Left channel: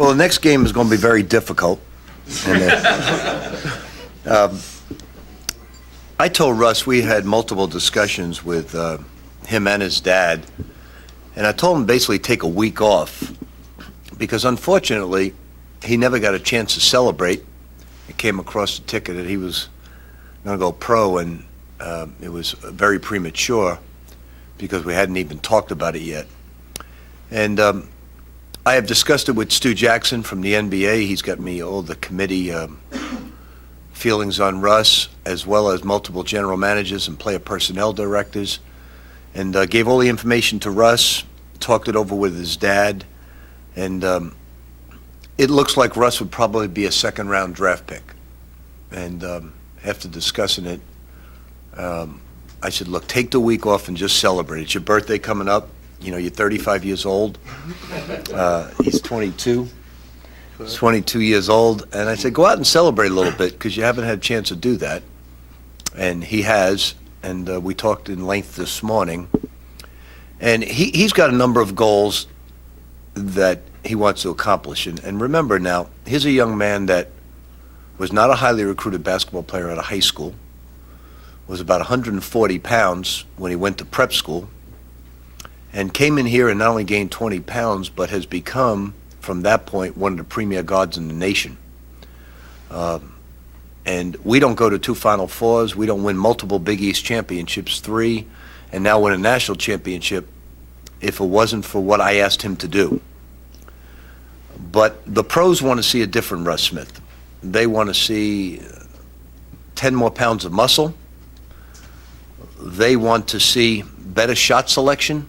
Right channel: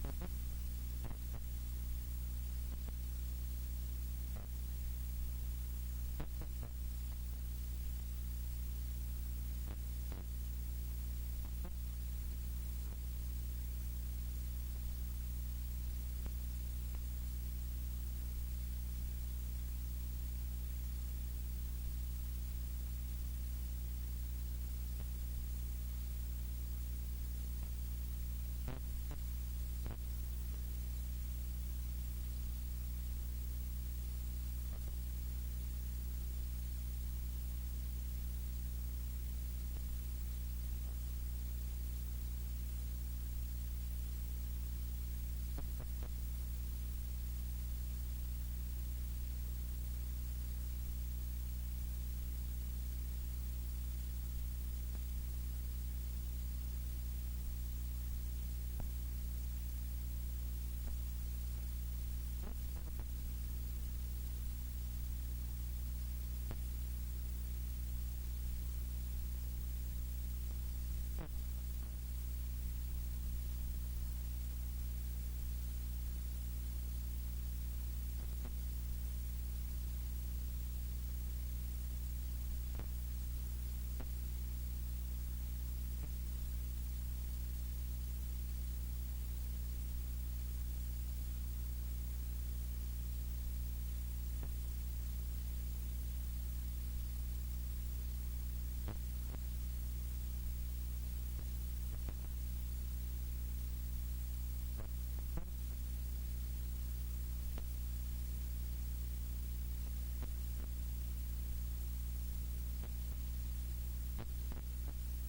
Well, the next game is going to be very difficult. And, I told Russ we had multiple discussions with him and his dad, and I told him basically take a week off because unfortunately he never got a chance to celebrate. It came across the ticket that he was going to go pro, and it was very premature because we hadn't even talked about it yet. And I have discussed it with Stu Jackson from the NBA. He's got me all the committee feelings on Russ, as well as multiple general managers and player personnel directors, and gave all the information to Russ, talked it over with his dad, and it looks like Russ would probably be a second-round draft pick. And after discussing it, I said, look, take the week off and just celebrate. It's your birthday coming up. You know, you're 35 years old. He's 22. He's 22 years old. And I said, go out and celebrate a little bit because you haven't had a chance to do that. And he has. And we talked in length this morning. And he's got a number of goals that he wants to accomplish. And remember now, here's a young man that was not a highly recruited basketball player out of high school, was about 140 pounds when he went to prep school, and came in here and not only gained 20 pounds, but has become, from that point, one of the premier guards in the nation. And we don't go to 2 Final Fours. We don't win multiple Big East championships, 3, and now win a national championship if it wasn't for what I asked him to do. But the pros want to see a different Russ Smith. They want to see 10 more pounds of muscle. They want to see better shot selection,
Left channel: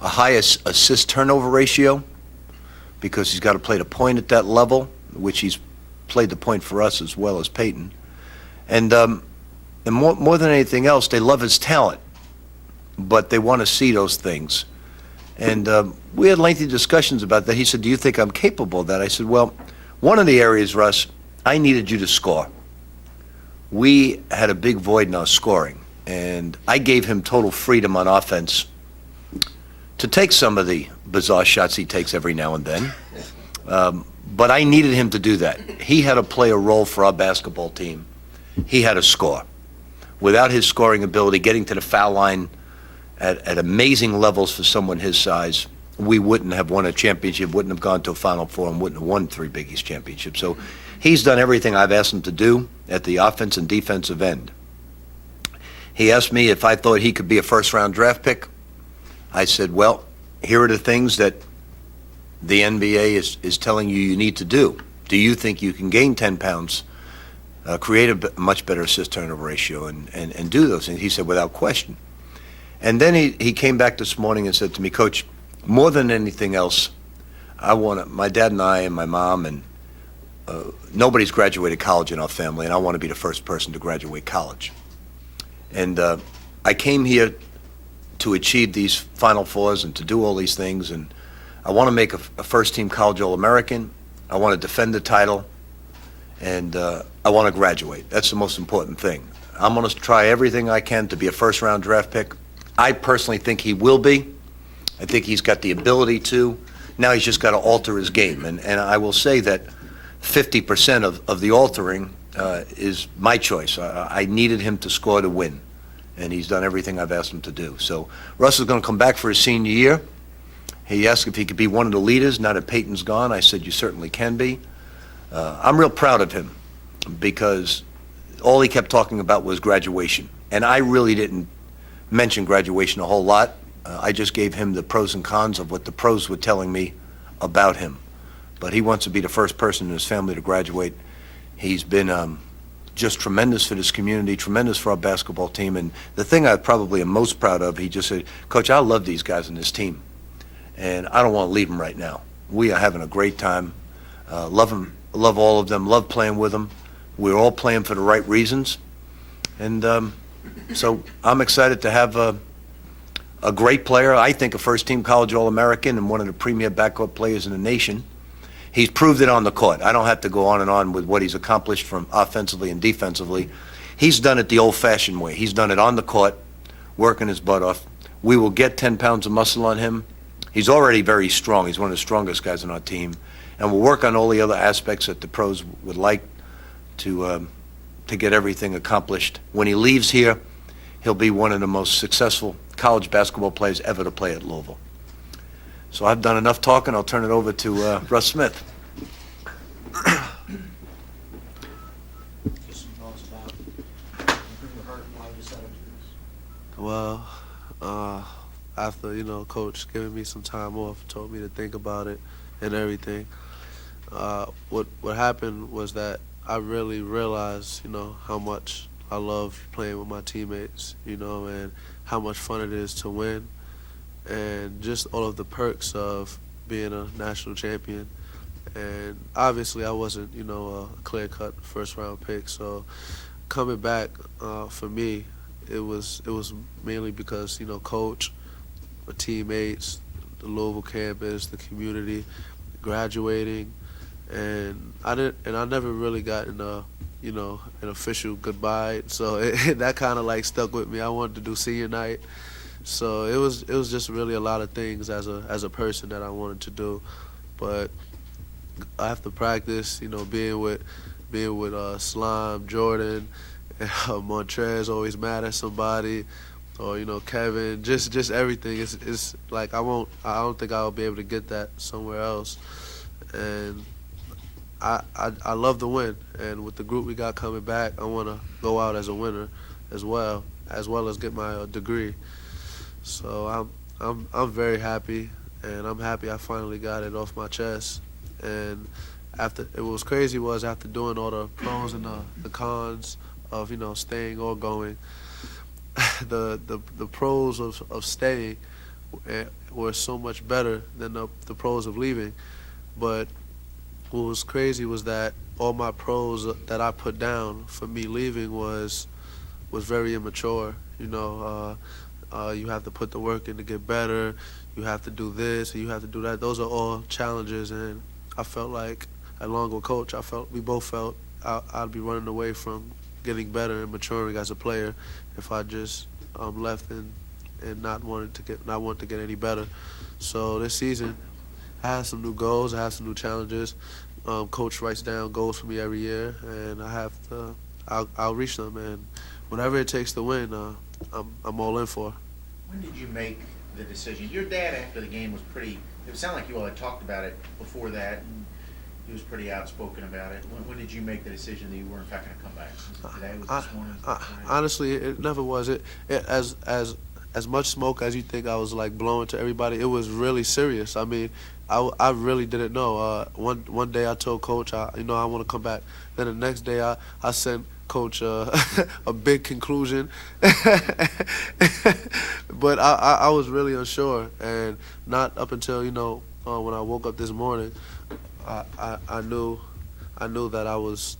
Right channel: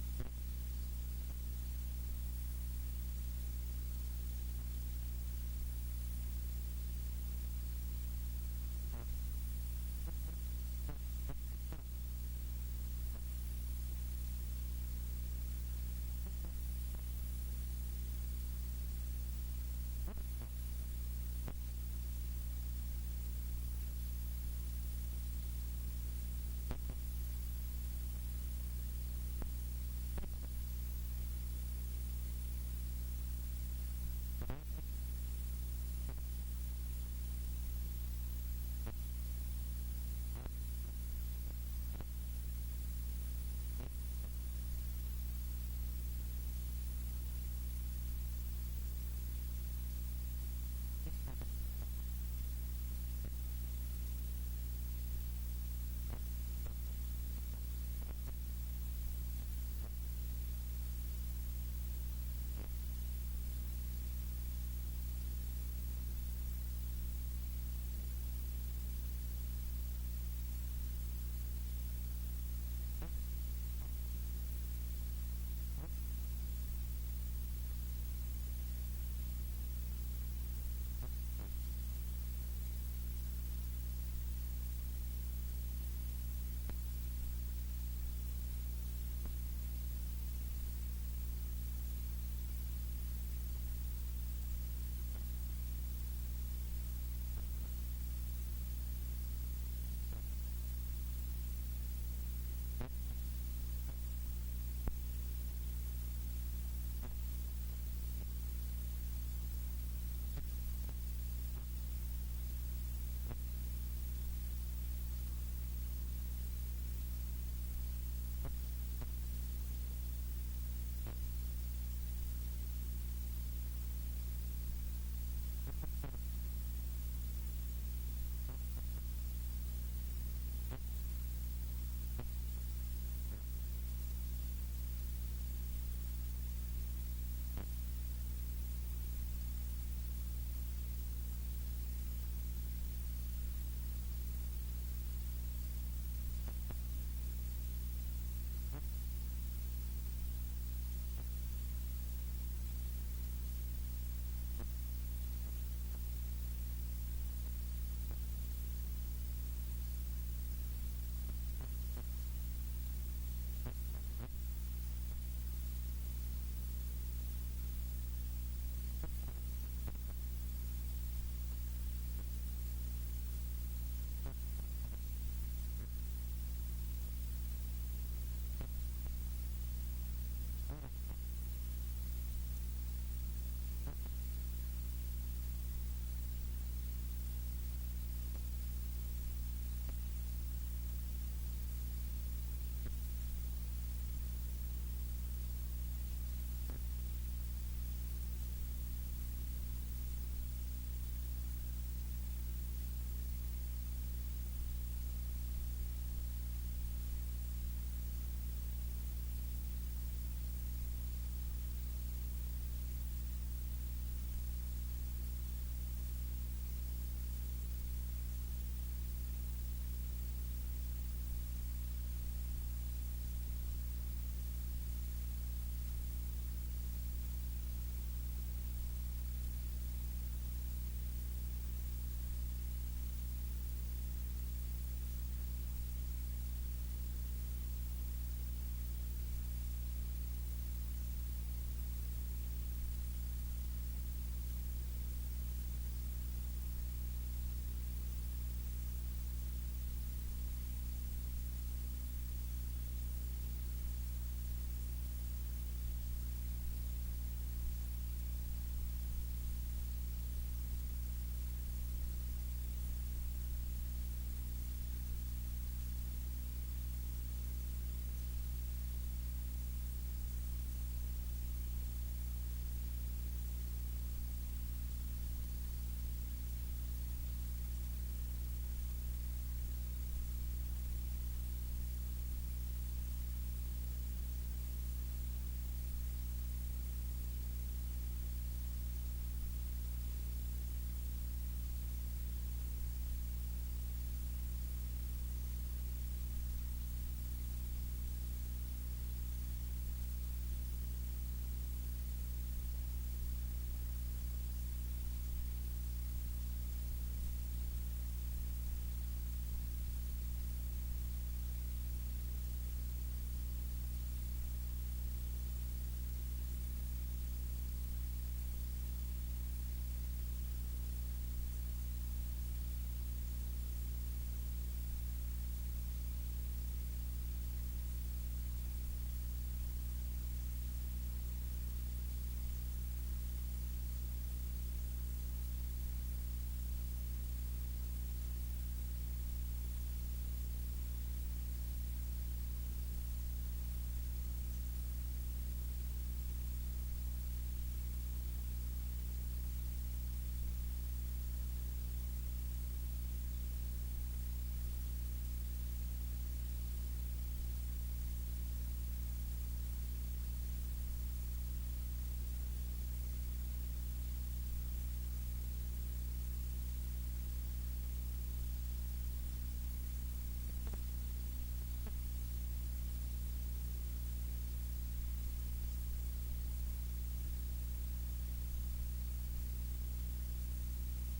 a higher assist turnover ratio, because he's got to play the point at that level, which he's played the point for us as well as Peyton. And more than anything else, they love his talent, but they want to see those things. And we had lengthy discussions about that. He said, do you think I'm capable of that? I said, well, one of the areas, Russ, I needed you to score. We had a big void in our scoring, and I gave him total freedom on offense to take some of the bizarre shots he takes every now and then. But I needed him to do that. He had to play a role for our basketball team. He had to score. Without his scoring ability, getting to the foul line at amazing levels for someone his size, we wouldn't have won a championship, wouldn't have gone to a Final Four, and wouldn't have won 3 Big East championships. So he's done everything I've asked him to do at the offense and defensive end. He asked me if I thought he could be a first-round draft pick. I said, well, here are the things that the NBA is telling you need to do. Do you think you can gain 10 pounds, create a much better assist-turnover ratio, and do those things? He said, without question. And then he came back this morning and said to me, Coach, more than anything else, my dad and I and my mom, and nobody's graduated college in our family, and I want to be the first person to graduate college. And I came here to achieve these Final Fours and to do all these things, and I want to make a first-team college All-American. I want to defend the title, and I want to graduate. That's the most important thing. I'm going to try everything I can to be a first-round draft pick. I personally think he will be. I think he's got the ability to. Now he's just got to alter his game. And I will say that 50% of the altering is my choice. I needed him to score to win, and he's done everything I've asked him to do. So Russ is going to come back for his senior year. He asked if he could be one of the leaders now that Peyton's gone. I said, you certainly can be. I'm real proud of him because all he kept talking about was graduation. And I really didn't mention graduation a whole lot. I just gave him the pros and cons of what the pros were telling me about him. But he wants to be the first person in his family to graduate. He's been just tremendous for this community, tremendous for our basketball team. And the thing I probably am most proud of, he just said, Coach, I love these guys on this team, and I don't want to leave them right now. We are having a great time. Love them, love all of them, love playing with them. We're all playing for the right reasons. And so I'm excited to have a great player, I think a first-team college All-American and one of the premier backcourt players in the nation. He's proved it on the court. I don't have to go on and on with what he's accomplished from offensively and defensively. He's done it the old-fashioned way. He's done it on the court, working his butt off. We will get 10 pounds of muscle on him. He's already very strong. He's one of the strongest guys on our team. and we'll work on all the other aspects that the pros would like to get everything accomplished. When he leaves here, he'll be one of the most successful college basketball players ever to play at Louisville. So I've done enough talking. I'll turn it over to Russ Smith. Well, after, Coach giving me some time off, told me to think about it and everything, what happened was that I really realized, how much I love playing with my teammates, and how much fun it is to win, and just all of the perks of being a national champion. And obviously I wasn't, a clear-cut first-round pick, so coming back for me, it was mainly because, Coach, my teammates, the Louisville campus, the community, graduating, and I never really gotten an official goodbye. So that kind of like stuck with me. I wanted to do senior night, so it was just really a lot of things as a person that I wanted to do, but after practice, being with Slime, Jordan, Montrez always mad at somebody, or Kevin, just everything. It's like I don't think I'll be able to get that somewhere else, and I love the win. And with the group we got coming back, I want to go out as a winner, as well as get my degree. So I'm very happy, and I'm happy I finally got it off my chest. And after doing all the pros and the cons of staying or going, the pros of staying were so much better than the pros of leaving. But what was crazy was that all my pros that I put down for me leaving was very immature. You have to put the work in to get better. You have to do this, and you have to do that. Those are all challenges, and I felt like, along with Coach, we both felt I'd be running away from getting better and maturing as a player if I just left and not want to get any better. So this season, I had some new goals, I had some new challenges. Coach writes down goals for me every year, and I'll reach them, and whatever it takes to win, I'm all in for. When did you make the decision? Your dad, after the game, was pretty. It sounded like you all had talked about it before that, and he was pretty outspoken about it. When did you make the decision that you weren't going to come back? Today was this morning? Honestly, it never was. It as much smoke as you think I was like blowing to everybody. It was really serious. I mean, I really didn't know. One day I told Coach, I want to come back. Then the next day I sent Coach a big conclusion, but I was really unsure, and not up until when I woke up this morning, I knew that I was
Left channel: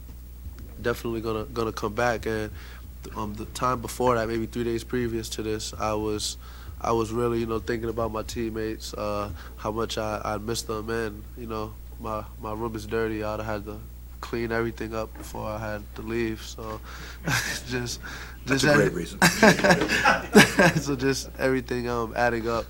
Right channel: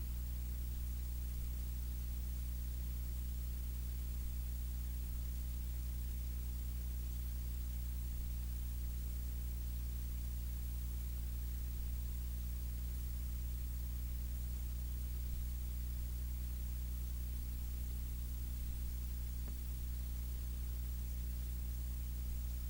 definitely gonna come back. And the time before that, maybe 3 days previous to this, I was really thinking about my teammates, how much I missed them, and my room is dirty. I'd have had to clean everything up before I had to leave. So That's a great reason. so just everything adding up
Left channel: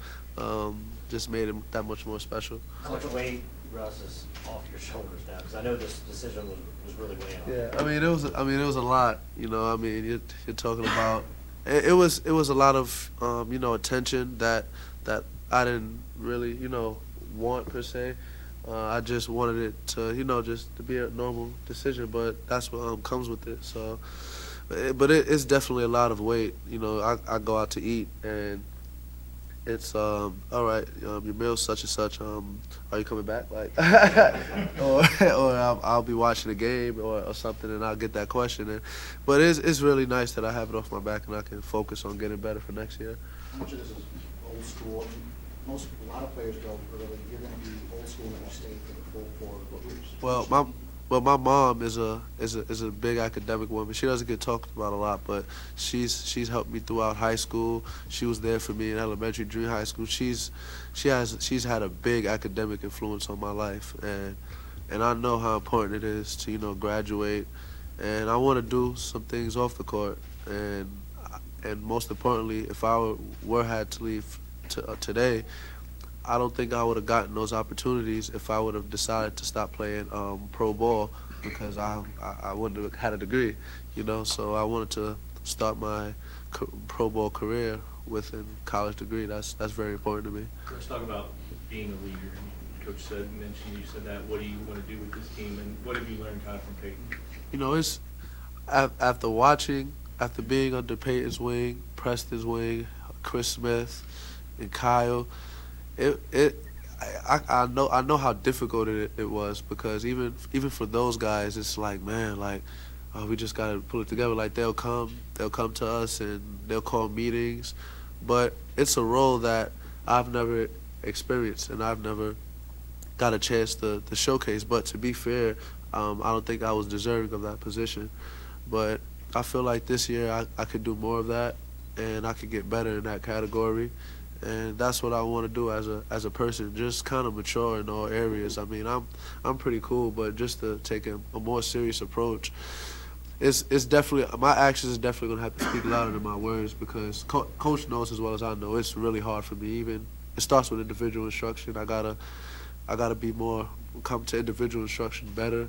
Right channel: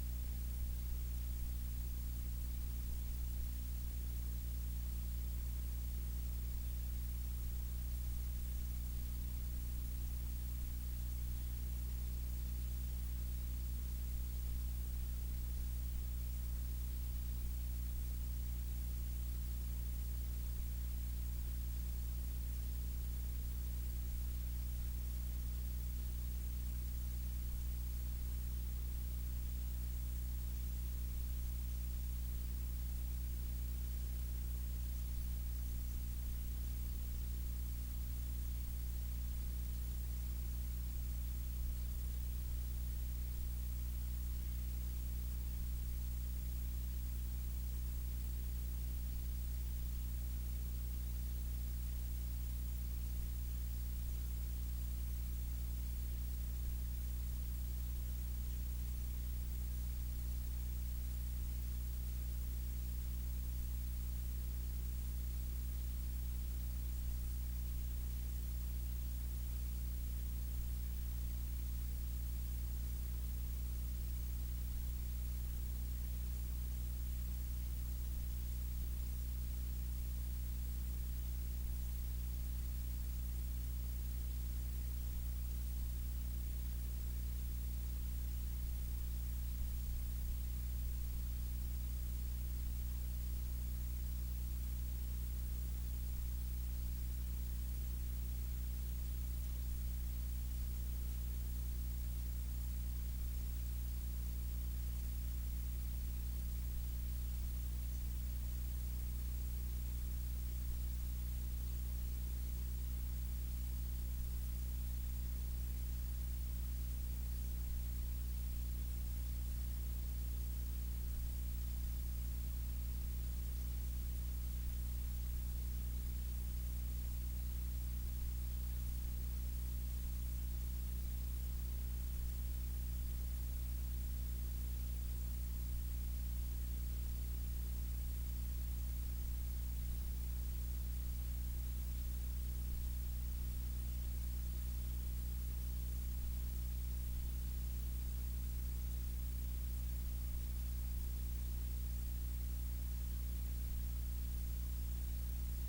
just made it that much more special. How much weight, Russ, is off your shoulders now? Because I know this decision was really weighing on you. Yeah, it was a lot. You're talking about it was a lot of attention that I didn't really want per se. I just wanted it to just to be a normal decision, but that's what comes with it. So, but it's definitely a lot of weight. I go out to eat, and it's all right. Your meal's such and such. Are you coming back? Like, or I'll be watching a game or something, and I'll get that question. But it's really nice that I have it off my back and I can focus on getting better for next year. How much of this is old school? A lot of players go early. You're going to be old school and stay for the full 4 years. Well, my mom is a big academic woman. She doesn't get talked about a lot, but she's helped me throughout high school. She was there for me in elementary, junior high school. She's had a big academic influence on my life, and I know how important it is to graduate, and I want to do some things off the court, and most importantly, if I had to leave today, I don't think I would have gotten those opportunities if I would have decided to stop playing pro ball, because I wouldn't have had a degree, you know. So I wanted to start my pro ball career with a college degree. That's very important to me. Let's talk about being a leader. Coach mentioned you said that. What do you want to do with this team, and what have you learned kind of from Peyton? You know, it's after being under Peyton's wing, Preston's wing, Chris Smith, and Kyle. I know how difficult it was, because even for those guys, it's like, man, like, we just gotta pull it together. Like, they'll come to us and they'll call meetings, but it's a role that I've never experienced and I've never got a chance to showcase. But to be fair, I don't think I was deserving of that position. But I feel like this year I could do more of that, and I could get better in that category. And that's what I want to do as a person, just kind of mature in all areas. I mean, I'm pretty cool, but just to take a more serious approach, it's definitely, my actions is definitely gonna have to speak louder than my words, because Coach knows as well as I know it's really hard for me. Even it starts with individual instruction. I gotta be more, come to individual instruction better.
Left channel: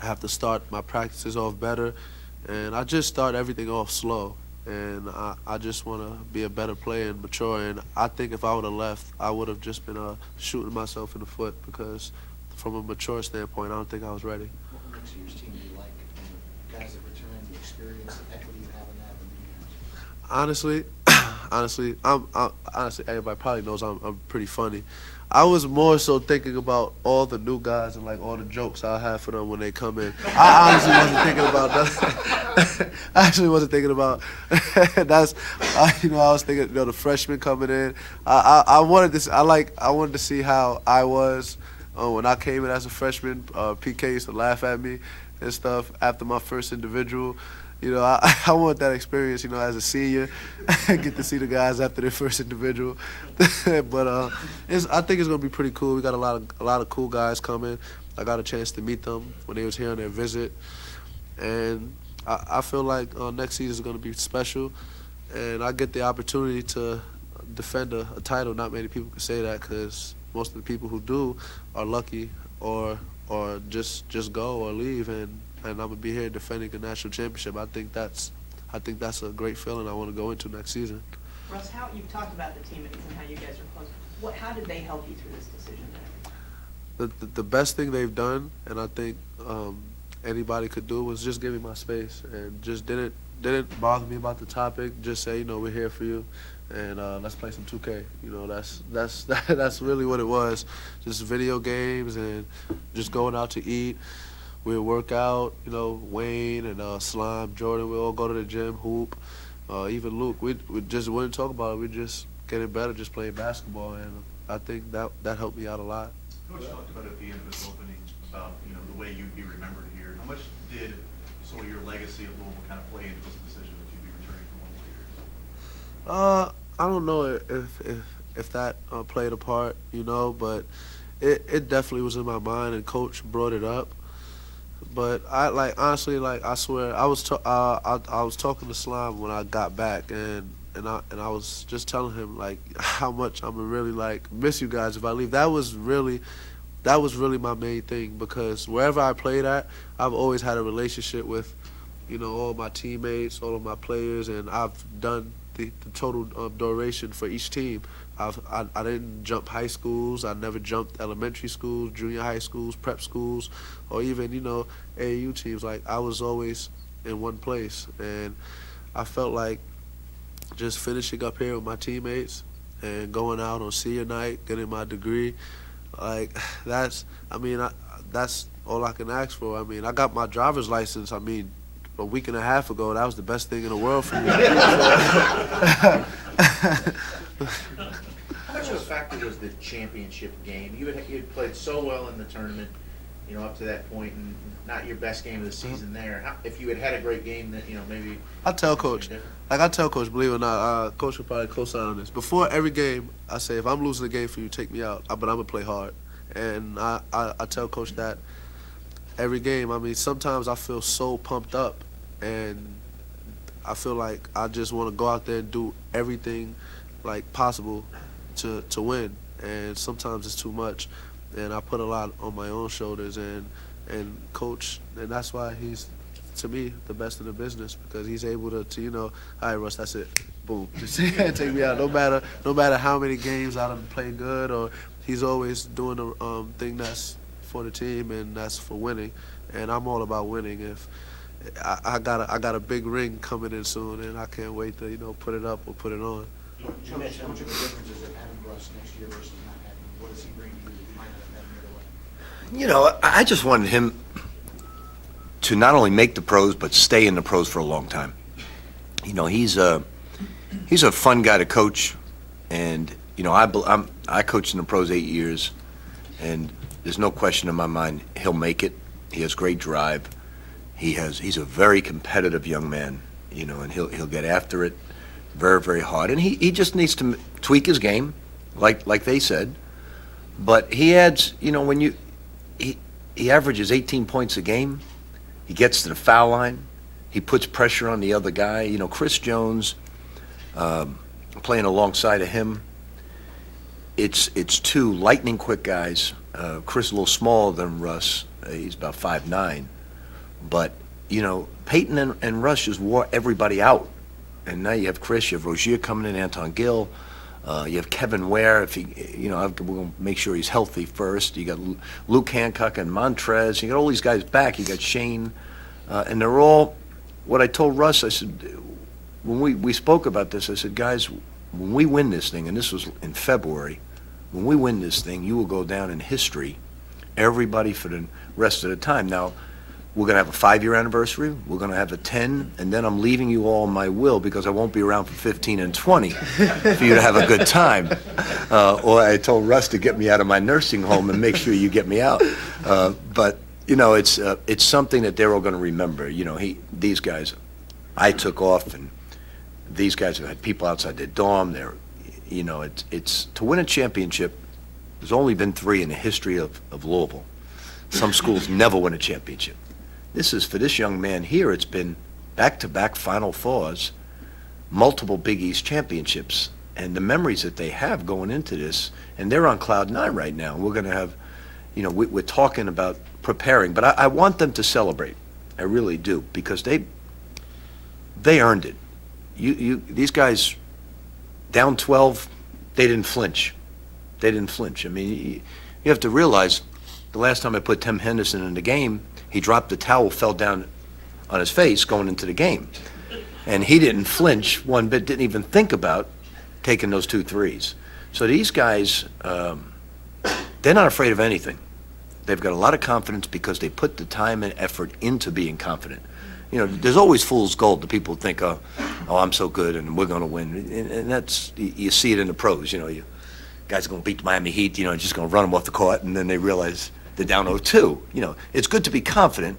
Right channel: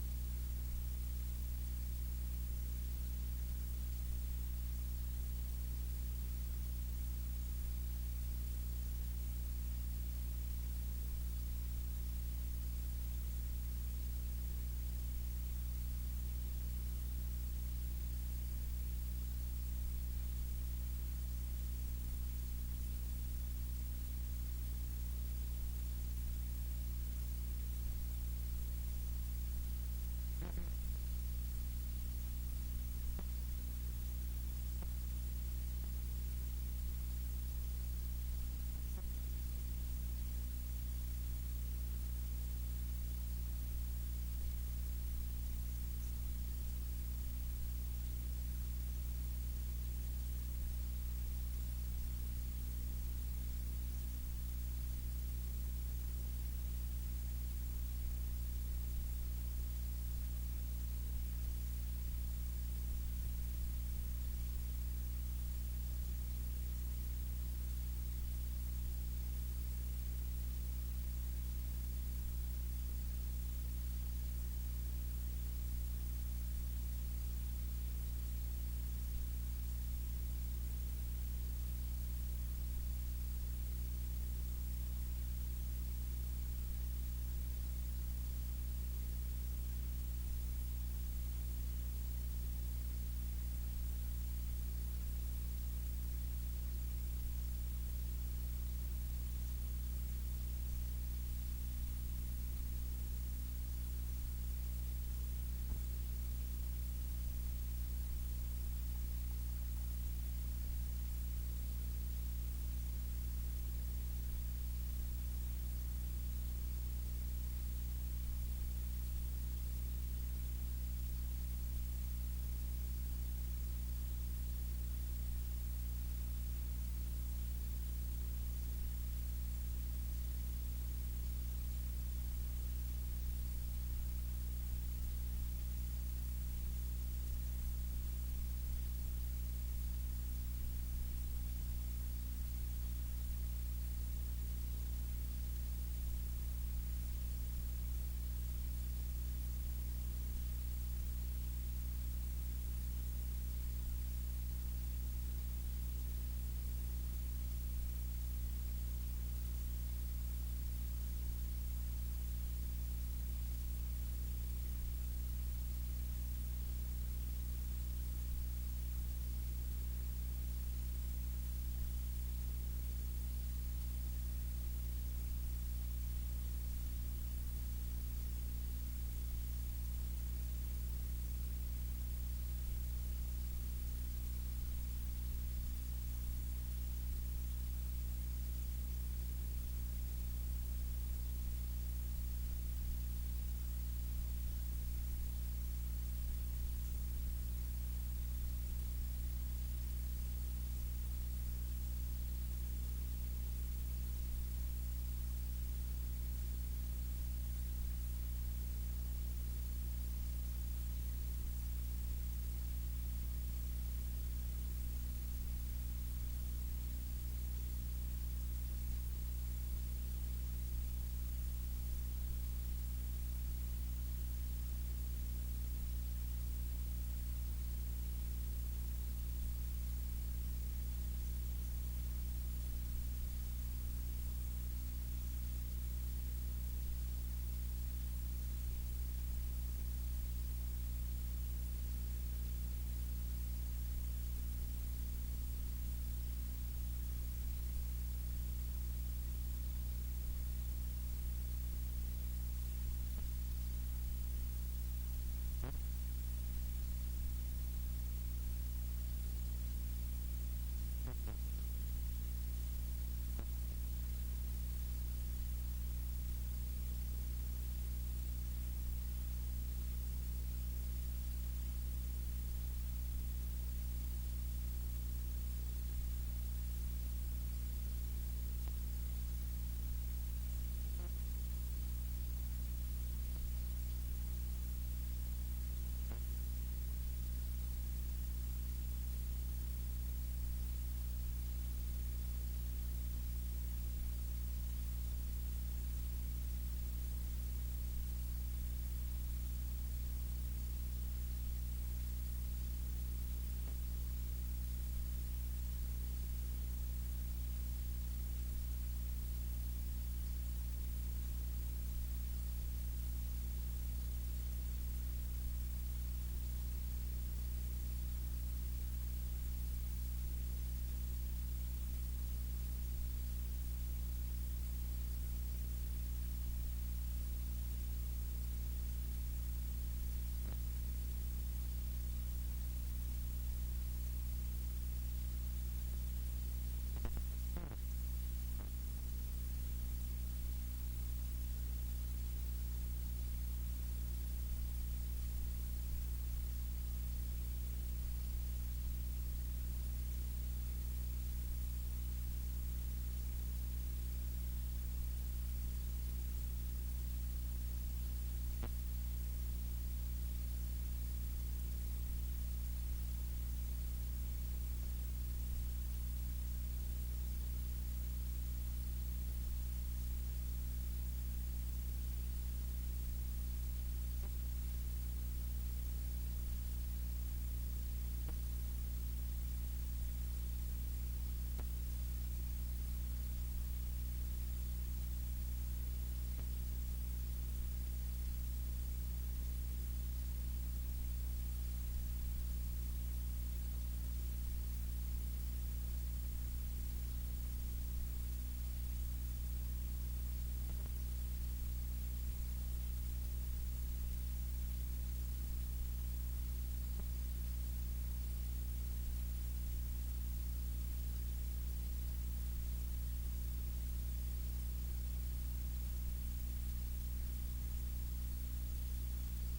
I have to start my practices off better, and I just start everything off slow. And I just want to be a better player and mature. And I think if I would have left, I would have just been shooting myself in the foot, because from a mature standpoint, I don't think I was ready. What next year's team do you like? And the guys that return, the experience, the equity you have in that? Honestly, everybody probably knows I'm pretty funny. I was more so thinking about all the new guys and like all the jokes I have for them when they come in. I honestly wasn't thinking about that. I actually wasn't thinking about that's. I was thinking, the freshmen coming in. I wanted this. I wanted to see how I was when I came in as a freshman. PK used to laugh at me and stuff after my first individual. I want that experience, as a senior, get to see the guys after their first individual. But I think it's gonna be pretty cool. We got a lot of cool guys coming. I got a chance to meet them when they was here on their visit, and I feel like next season is gonna be special, and I get the opportunity to defend a title. Not many people can say that, because most of the people who do are lucky or just go or leave, and I'm gonna be here defending the national championship. I think that's a great feeling I want to go into next season. Russ, you've talked about the teammates and how you guys are close. How did they help you through this decision then? The best thing they've done, and I think anybody could do, was just give me my space, and just didn't bother me about the topic. Just say, we're here for you, and let's play some 2K. That's really what it was. Just video games and just going out to eat. We'd work out, Wayne and Slime, Jordan, we all go to the gym, hoop. Even Luke, we just wouldn't talk about it. We just getting better, just playing basketball, and I think that helped me out a lot. Coach talked about at the end of his opening about the way you'd be remembered here. How much did sort of your legacy of Louisville kind of play into this decision that you'd be returning for 1 years? I don't know if that played a part, but it definitely was in my mind, and Coach brought it up. But honestly, I swear, I was talking to Slime when I got back, and I was just telling him how much I'm gonna really miss you guys if I leave. That was really my main thing, because wherever I played at, I've always had a relationship with, all my teammates, all of my players, and I've done the total duration for each team. I didn't jump high schools. I never jumped elementary schools, junior high schools, prep schools, or even AAU teams. I was always in one place, and I felt like just finishing up here with my teammates and going out on senior night, getting my degree, that's all I can ask for. I mean, I got my driver's license. A week and a half ago. That was the best thing in the world for me. How much of a factor was the championship game? You had played so well in the tournament, up to that point, and not your best game of the season there. If you had had a great game, that maybe. I tell Coach, believe it or not, Coach will probably co-sign on this. Before every game, I say, if I'm losing a game for you, take me out, but I'm gonna play hard. And I tell Coach that every game. Sometimes I feel so pumped up, and I feel like I just want to go out there and do everything possible to win. and sometimes it's too much, and I put a lot on my own shoulders. And coach, and that's why he's, to me, the best in the business, because he's able to all right, Russ, that's it, boom, just take me out. No matter how many games I done played good, or he's always doing the thing that's for the team and that's for winning, and I'm all about winning. If I got a big ring coming in soon, and I can't wait to put it up or put it on. You mentioned What are the differences of having Russ next year versus not having him? What does he bring to you that you might not have had the other way? I just wanted him to not only make the pros, but stay in the pros for a long time. He's a fun guy to coach, and I coached in the pros 8 years, and there's no question in my mind he'll make it. He has great drive. He's a very competitive young man, and he'll get after it very, very hard. And he just needs to tweak his game, like they said. But he adds, when he averages 18 points a game. He gets to the foul line. He puts pressure on the other guy. Chris Jones, playing alongside of him. It's two lightning quick guys. Chris a little smaller than Russ. He's about 5'9". But, Peyton and Russ just wore everybody out. And now you have Chris, you have Rozier coming in, Anton Gill. You have Kevin Ware. If he, we're going to make sure he's healthy first. You got Luke Hancock and Montrez. You got all these guys back. You got Shane, and they're all. What I told Russ, I said, when we spoke about this, I said, guys, when we win this thing, and this was in February, when we win this thing, you will go down in history. Everybody for the rest of the time. Now, we're going to have a 5-year anniversary. We're going to have a 10, and then I'm leaving you all my will because I won't be around for 15 and 20 for you to have a good time. Or I told Russ to get me out of my nursing home and make sure you get me out. But it's something that they're all going to remember. These guys, I took off, and these guys have had people outside their dorm. It's to win a championship. There's only been 3 in the history of Louisville. Some schools never win a championship. This is, for this young man here, it's been back-to-back Final Fours, multiple Big East championships, and the memories that they have going into this, and they're on cloud 9 right now. We're going to have, we're talking about preparing, but I want them to celebrate. I really do, because they earned it. These guys, down 12, they didn't flinch. They didn't flinch. I mean, you have to realize, the last time I put Tim Henderson in the game, he dropped the towel, fell down on his face going into the game. And he didn't flinch one bit, didn't even think about taking those 2 threes. So these guys, they're not afraid of anything. They've got a lot of confidence because they put the time and effort into being confident. There's always fool's gold. The people think, oh, I'm so good and we're going to win. And that's, you see it in the pros. Guys are going to beat the Miami Heat, just going to run them off the court, and then they realize they're down 0-2. It's good to be confident,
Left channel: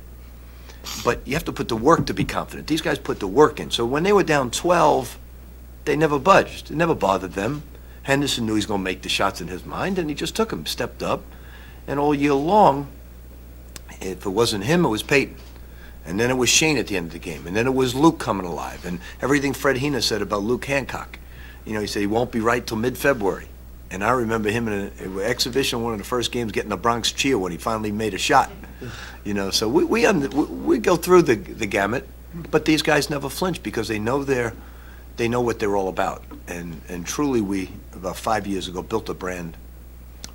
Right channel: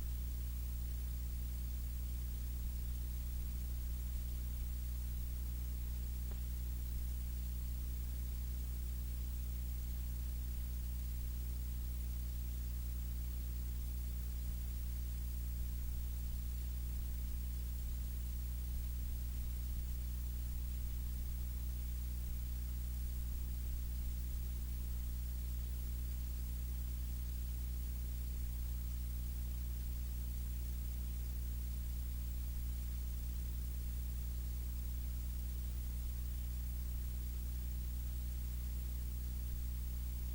but you have to put the work to be confident. These guys put the work in. So when they were down 12, they never budged. It never bothered them. Henderson knew he was going to make the shots in his mind, and he just took them, stepped up. And all year long, if it wasn't him, it was Peyton. And then it was Shane at the end of the game. And then it was Luke coming alive. And everything Fred Hina said about Luke Hancock. He said he won't be right till mid-February. And I remember him in an exhibition, one of the first games, getting the Bronx cheer when he finally made a shot. So we go through the gamut, but these guys never flinch because they know what they're all about. And truly, we about 5 years ago built a brand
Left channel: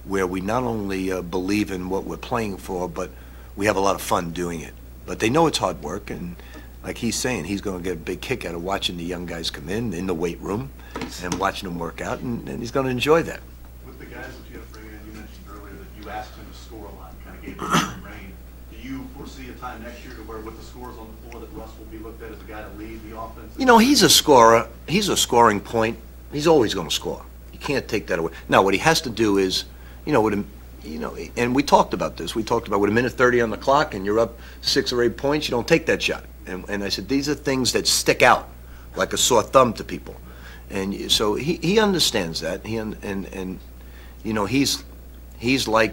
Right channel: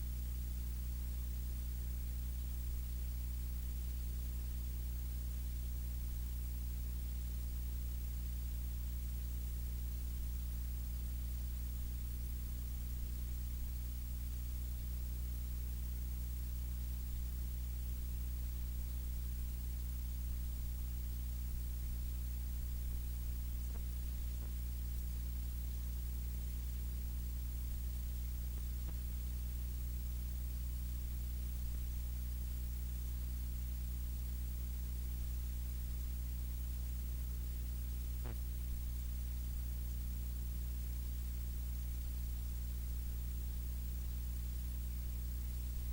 where we not only believe in what we're playing for, but we have a lot of fun doing it. But they know it's hard work, and like he's saying, he's going to get a big kick out of watching the young guys come in the weight room and watching them work out, and he's going to enjoy that. With the guys that you have to bring in, you mentioned earlier that you asked him to score a lot, kind of gave him some reign. Do you foresee a time next year to where with the scores on the floor that Russ will be looked at as a guy to lead the offense? He's a scorer. He's a scoring point. He's always going to score. You can't take that away. Now, what he has to do is, with him, and we talked about this. We talked about with a minute 30 on the clock and you're up 6 or 8 points, you don't take that shot. And I said, these are things that stick out like a sore thumb to people. And so he understands that. He's like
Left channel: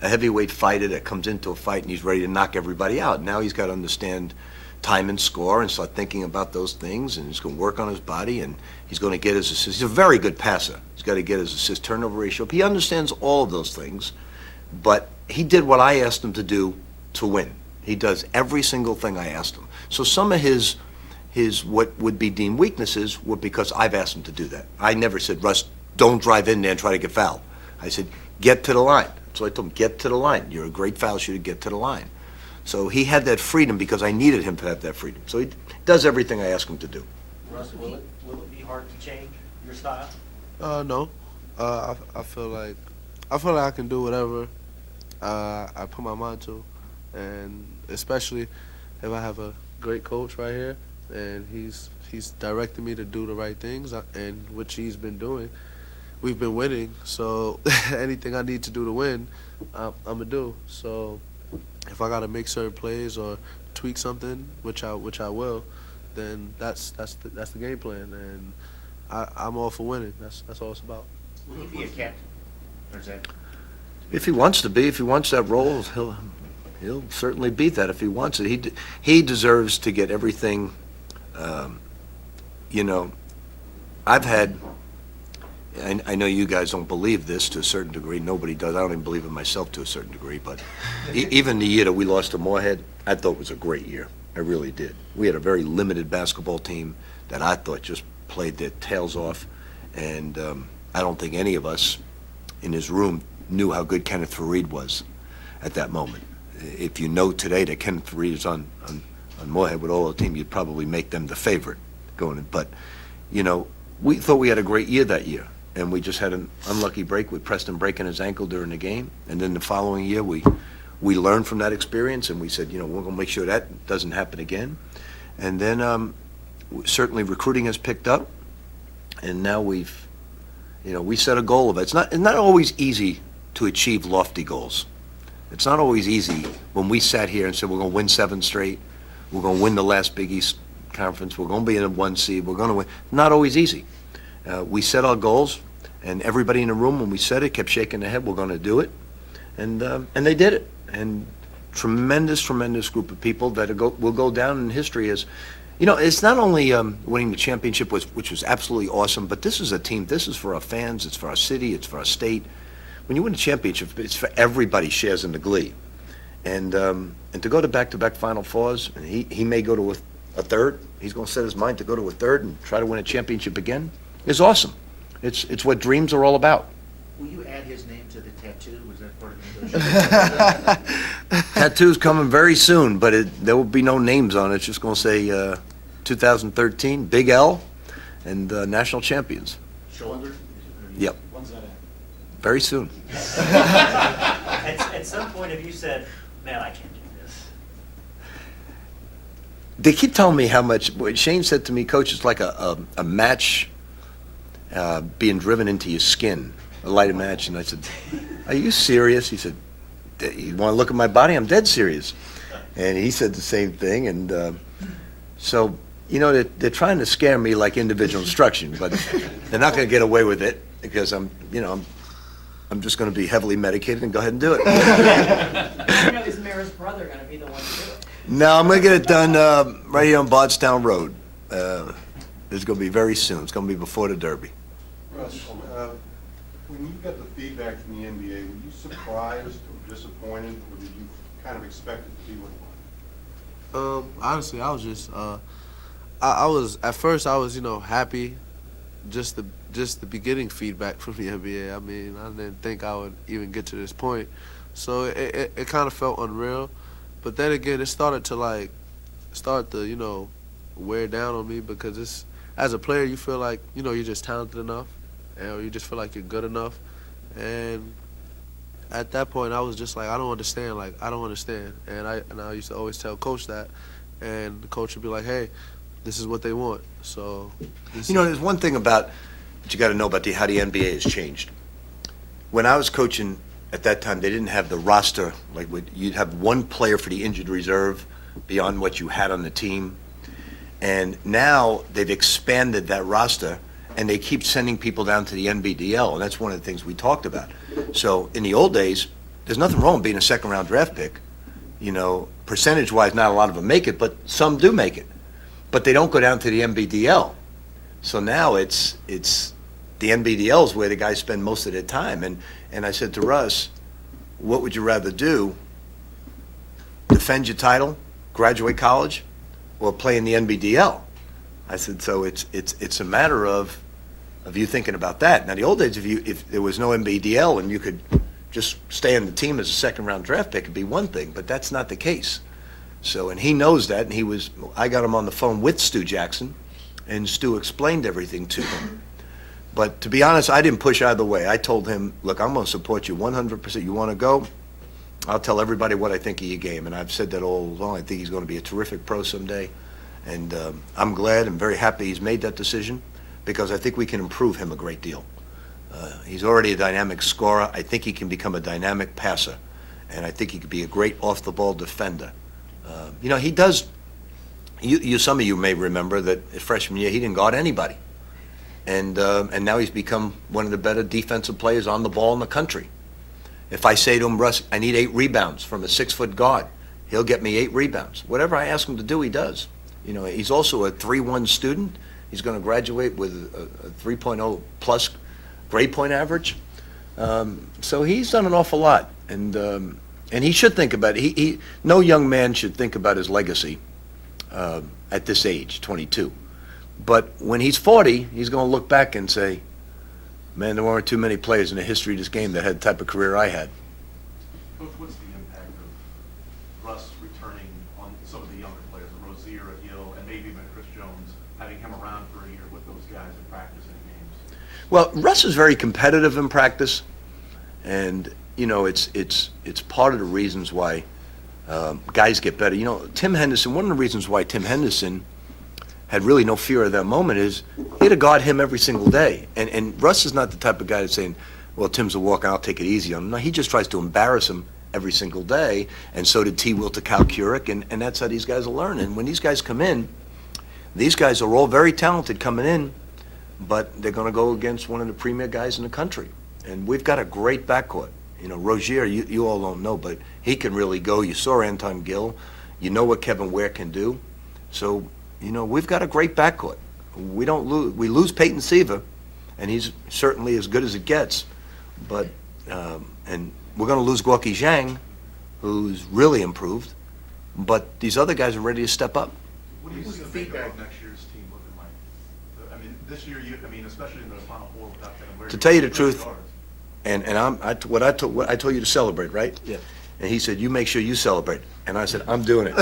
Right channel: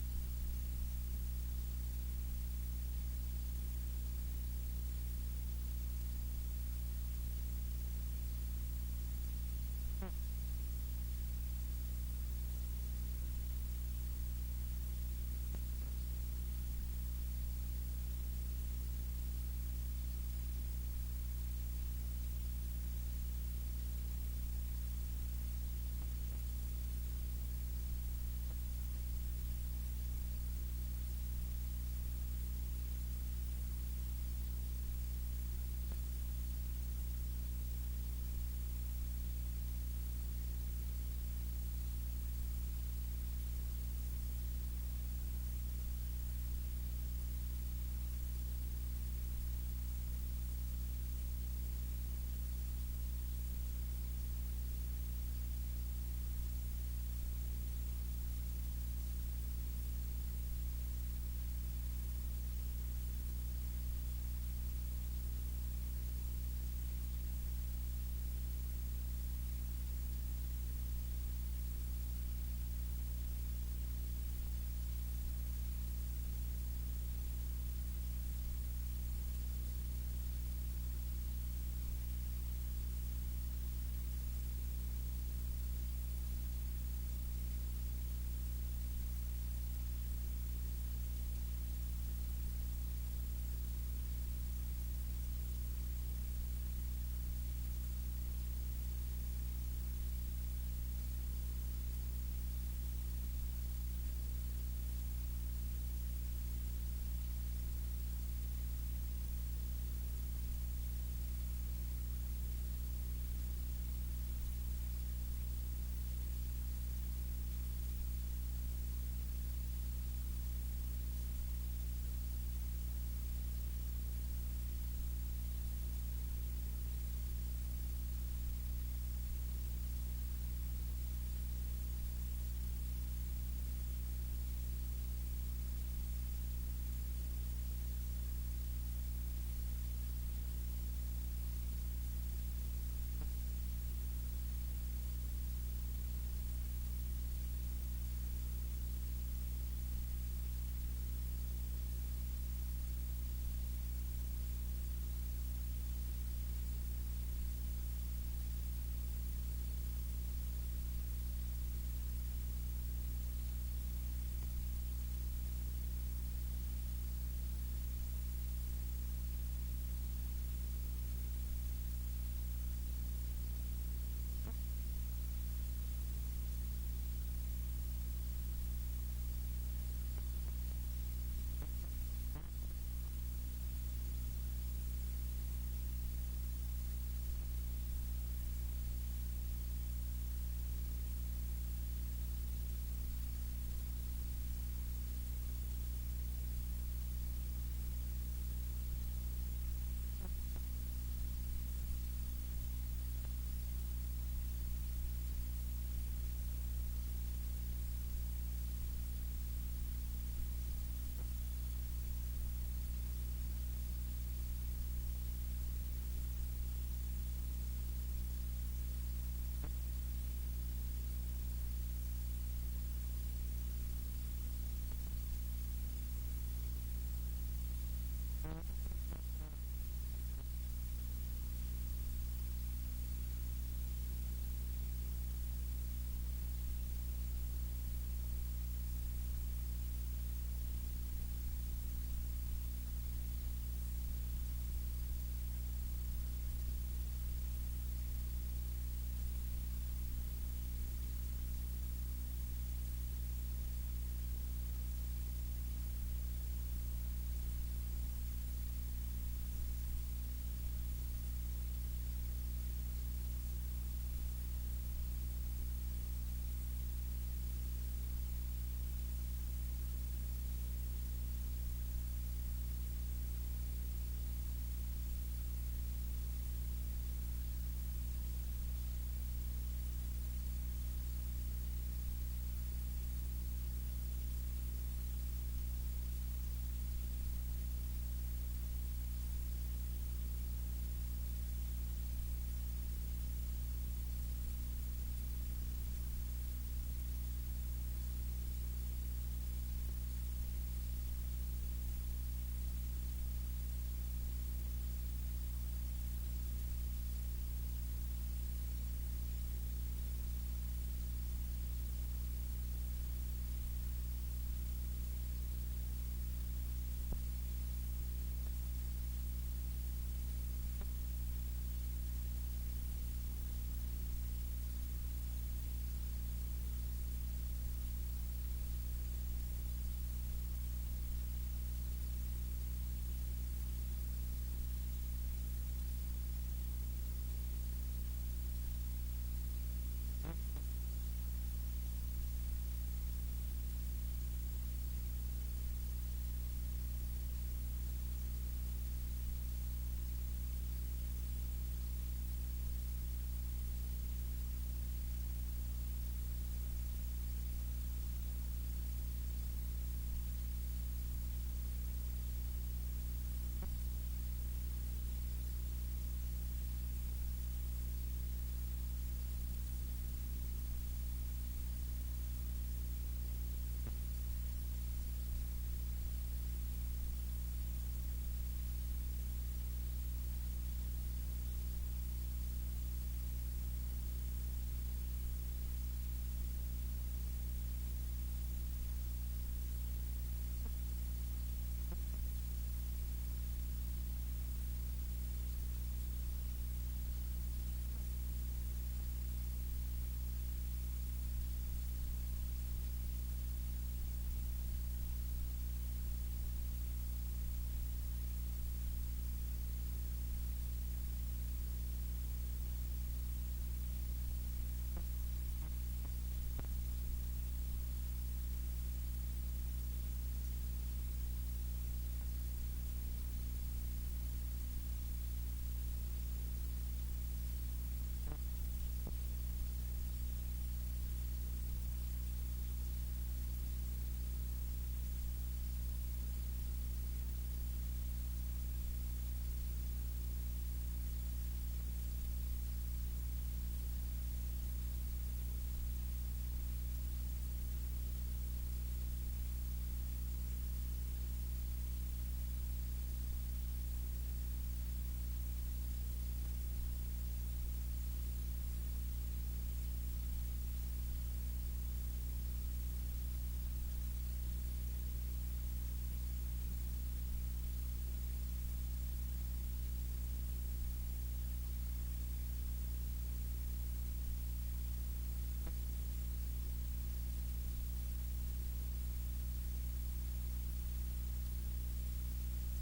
a heavyweight fighter that comes into a fight and he's ready to knock everybody out. Now he's got to understand time and score and start thinking about those things, and he's going to work on his body, and he's going to get his assists. He's a very good passer. He's got to get his assist turnover ratio. He understands all of those things, but he did what I asked him to do to win. He does every single thing I asked him. So some of his what would be deemed weaknesses were because I've asked him to do that. I never said, Russ, don't drive in there and try to get fouled. I said, get to the line. So I told him, get to the line. You're a great foul shooter, get to the line. So he had that freedom because I needed him to have that freedom. So he does everything I ask him to do. Russ, will it be hard to change your style? No. I feel like I can do whatever I put my mind to, and especially if I have a great coach right here, and he's directing me to do the right things, and which he's been doing. We've been winning, so anything I need to do to win, I'm gonna do. So if I gotta make certain plays or tweak something, which I will, then that's the game plan, and I'm all for winning. That's all it's about. Will he be a captain? Or is that? If he wants to be, if he wants that role, he'll certainly be that if he wants it. He deserves to get everything. I've had. I know you guys don't believe this to a certain degree. Nobody does. I don't even believe it myself to a certain degree. But even the year that we lost to Moorhead, I thought was a great year. I really did. We had a very limited basketball team that I thought just played their tails off, and I don't think any of us in his room knew how good Kenneth Fareed was at that moment. If you know today that Kenneth Fareed is on Moorhead with all the team, you'd probably make them the favorite going in. But, we thought we had a great year that year, and we just had an unlucky break with Preston breaking his ankle during the game. And then the following year, we learned from that experience, and we said, we're going to make sure that doesn't happen again. And then certainly recruiting has picked up, and now we set a goal of it. It's not always easy to achieve lofty goals. It's not always easy when we sat here and said we're going to win 7 straight, we're going to win the last Big East Conference, we're going to be in a 1 seed, we're going to win. Not always easy. We set our goals, and everybody in the room, when we said it, kept shaking their head, we're going to do it. And they did it. And tremendous group of people that will go down in history as, it's not only winning the championship, which was absolutely awesome, but this is a team, this is for our fans, it's for our city, it's for our state. When you win a championship, it's for everybody shares in the glee. And to go to back-to-back Final Fours, and he may go to a third, he's going to set his mind to go to a third and try to win a championship again, is awesome. It's what dreams are all about. Will you add his name to the tattoo? Was that part of the negotiation? Tattoo's coming very soon, but there will be no names on it. It's just going to say 2013, Big L, and national champions. Shoulder? Yep. When's that at? Very soon. At some point, have you said, man, I can't do this? They keep telling me how much. Shane said to me, Coach, it's like a match being driven into your skin, a lighted match. And I said, are you serious? He said, you want to look at my body? I'm dead serious. And he said the same thing. And so, they're trying to scare me like individual instruction, but they're not going to get away with it because I'm just going to be heavily medicated and go ahead and do it. Is Mara's brother going to be the one to do it? No, I'm going to get it done right here on Bardstown Road. It's going to be very soon. It's going to be before the Derby. Russ, when you got the feedback from the NBA, were you surprised or disappointed, or did you kind of expect it to be what it was? Honestly, I was just I was at first I was happy, just the beginning feedback from the NBA. I mean, I didn't think I would even get to this point, so it kind of felt unreal. But then again, it started to wear down on me because as a player you feel like you're just talented enough, or you just feel like you're good enough, and at that point I was just like, I don't understand, and I used to always tell Coach that, and the coach would be like, hey, this is what they want. So there's one thing about that you got to know about how the NBA has changed. When I was coaching at that time, they didn't have the roster, you'd have one player for the injured reserve beyond what you had on the team. And now they've expanded that roster, and they keep sending people down to the NBDL, and that's one of the things we talked about. So in the old days, there's nothing wrong with being a second-round draft pick, percentage-wise, not a lot of them make it, but some do make it. But they don't go down to the NBDL. So now it's the NBDL is where the guys spend most of their time. And I said to Russ, what would you rather do? Defend your title, graduate college, or play in the NBDL? I said, so it's a matter of you thinking about that. Now, the old days, if there was no NBDL and you could just stay on the team as a second-round draft pick, it'd be one thing, but that's not the case. So, and he knows that, and I got him on the phone with Stu Jackson, and Stu explained everything to him. But to be honest, I didn't push either way. I told him, look, I'm going to support you 100%. You want to go? I'll tell everybody what I think of your game, and I've said that all along. I think he's going to be a terrific pro someday, and I'm glad and very happy he's made that decision, because I think we can improve him a great deal. He's already a dynamic scorer. I think he can become a dynamic passer, and I think he could be a great off-the-ball defender. He does. Some of you may remember that his freshman year he didn't guard anybody, and now he's become one of the better defensive players on the ball in the country. If I say to him, Russ, I need 8 rebounds from a 6-foot guard, he'll get me 8 rebounds. Whatever I ask him to do, he does. He's also a 3-1 student. He's going to graduate with a 3.0 plus grade point average. So he's done an awful lot, and he should think about it. No young man should think about his legacy at this age, 22. But when he's 40, he's going to look back and say, man, there weren't too many players in the history of this game that had the type of career I had. Coach, what's the impact of Russ returning on some of the younger players, Rozier, Hill, and maybe even Chris Jones, having him around for a year with those guys in practice and games? Well, Russ is very competitive in practice, and it's part of the reasons why guys get better. Tim Henderson. One of the reasons why Tim Henderson had really no fear of that moment is he had to guard him every single day. And Russ is not the type of guy that's saying, well, Tim's a walk, I'll take it easy on him. No, he just tries to embarrass him every single day, and so did T. Will to Cal Curick, and that's how these guys are learning. When these guys come in, these guys are all very talented coming in, but they're going to go against one of the premier guys in the country. And we've got a great backcourt. Rozier, you all don't know, but he can really go. You saw Anton Gill. You know what Kevin Ware can do. So, we've got a great backcourt. We lose Peyton Seaver, and he's certainly as good as it gets. But and we're going to lose Gorky Zhang, who's really improved. But these other guys are ready to step up. What do you see about next year's team looking like? I mean, this year, especially in the Final Four without them. To tell you the truth, and I told you to celebrate, right? Yeah. And he said, you make sure you celebrate. And I said, I'm doing it.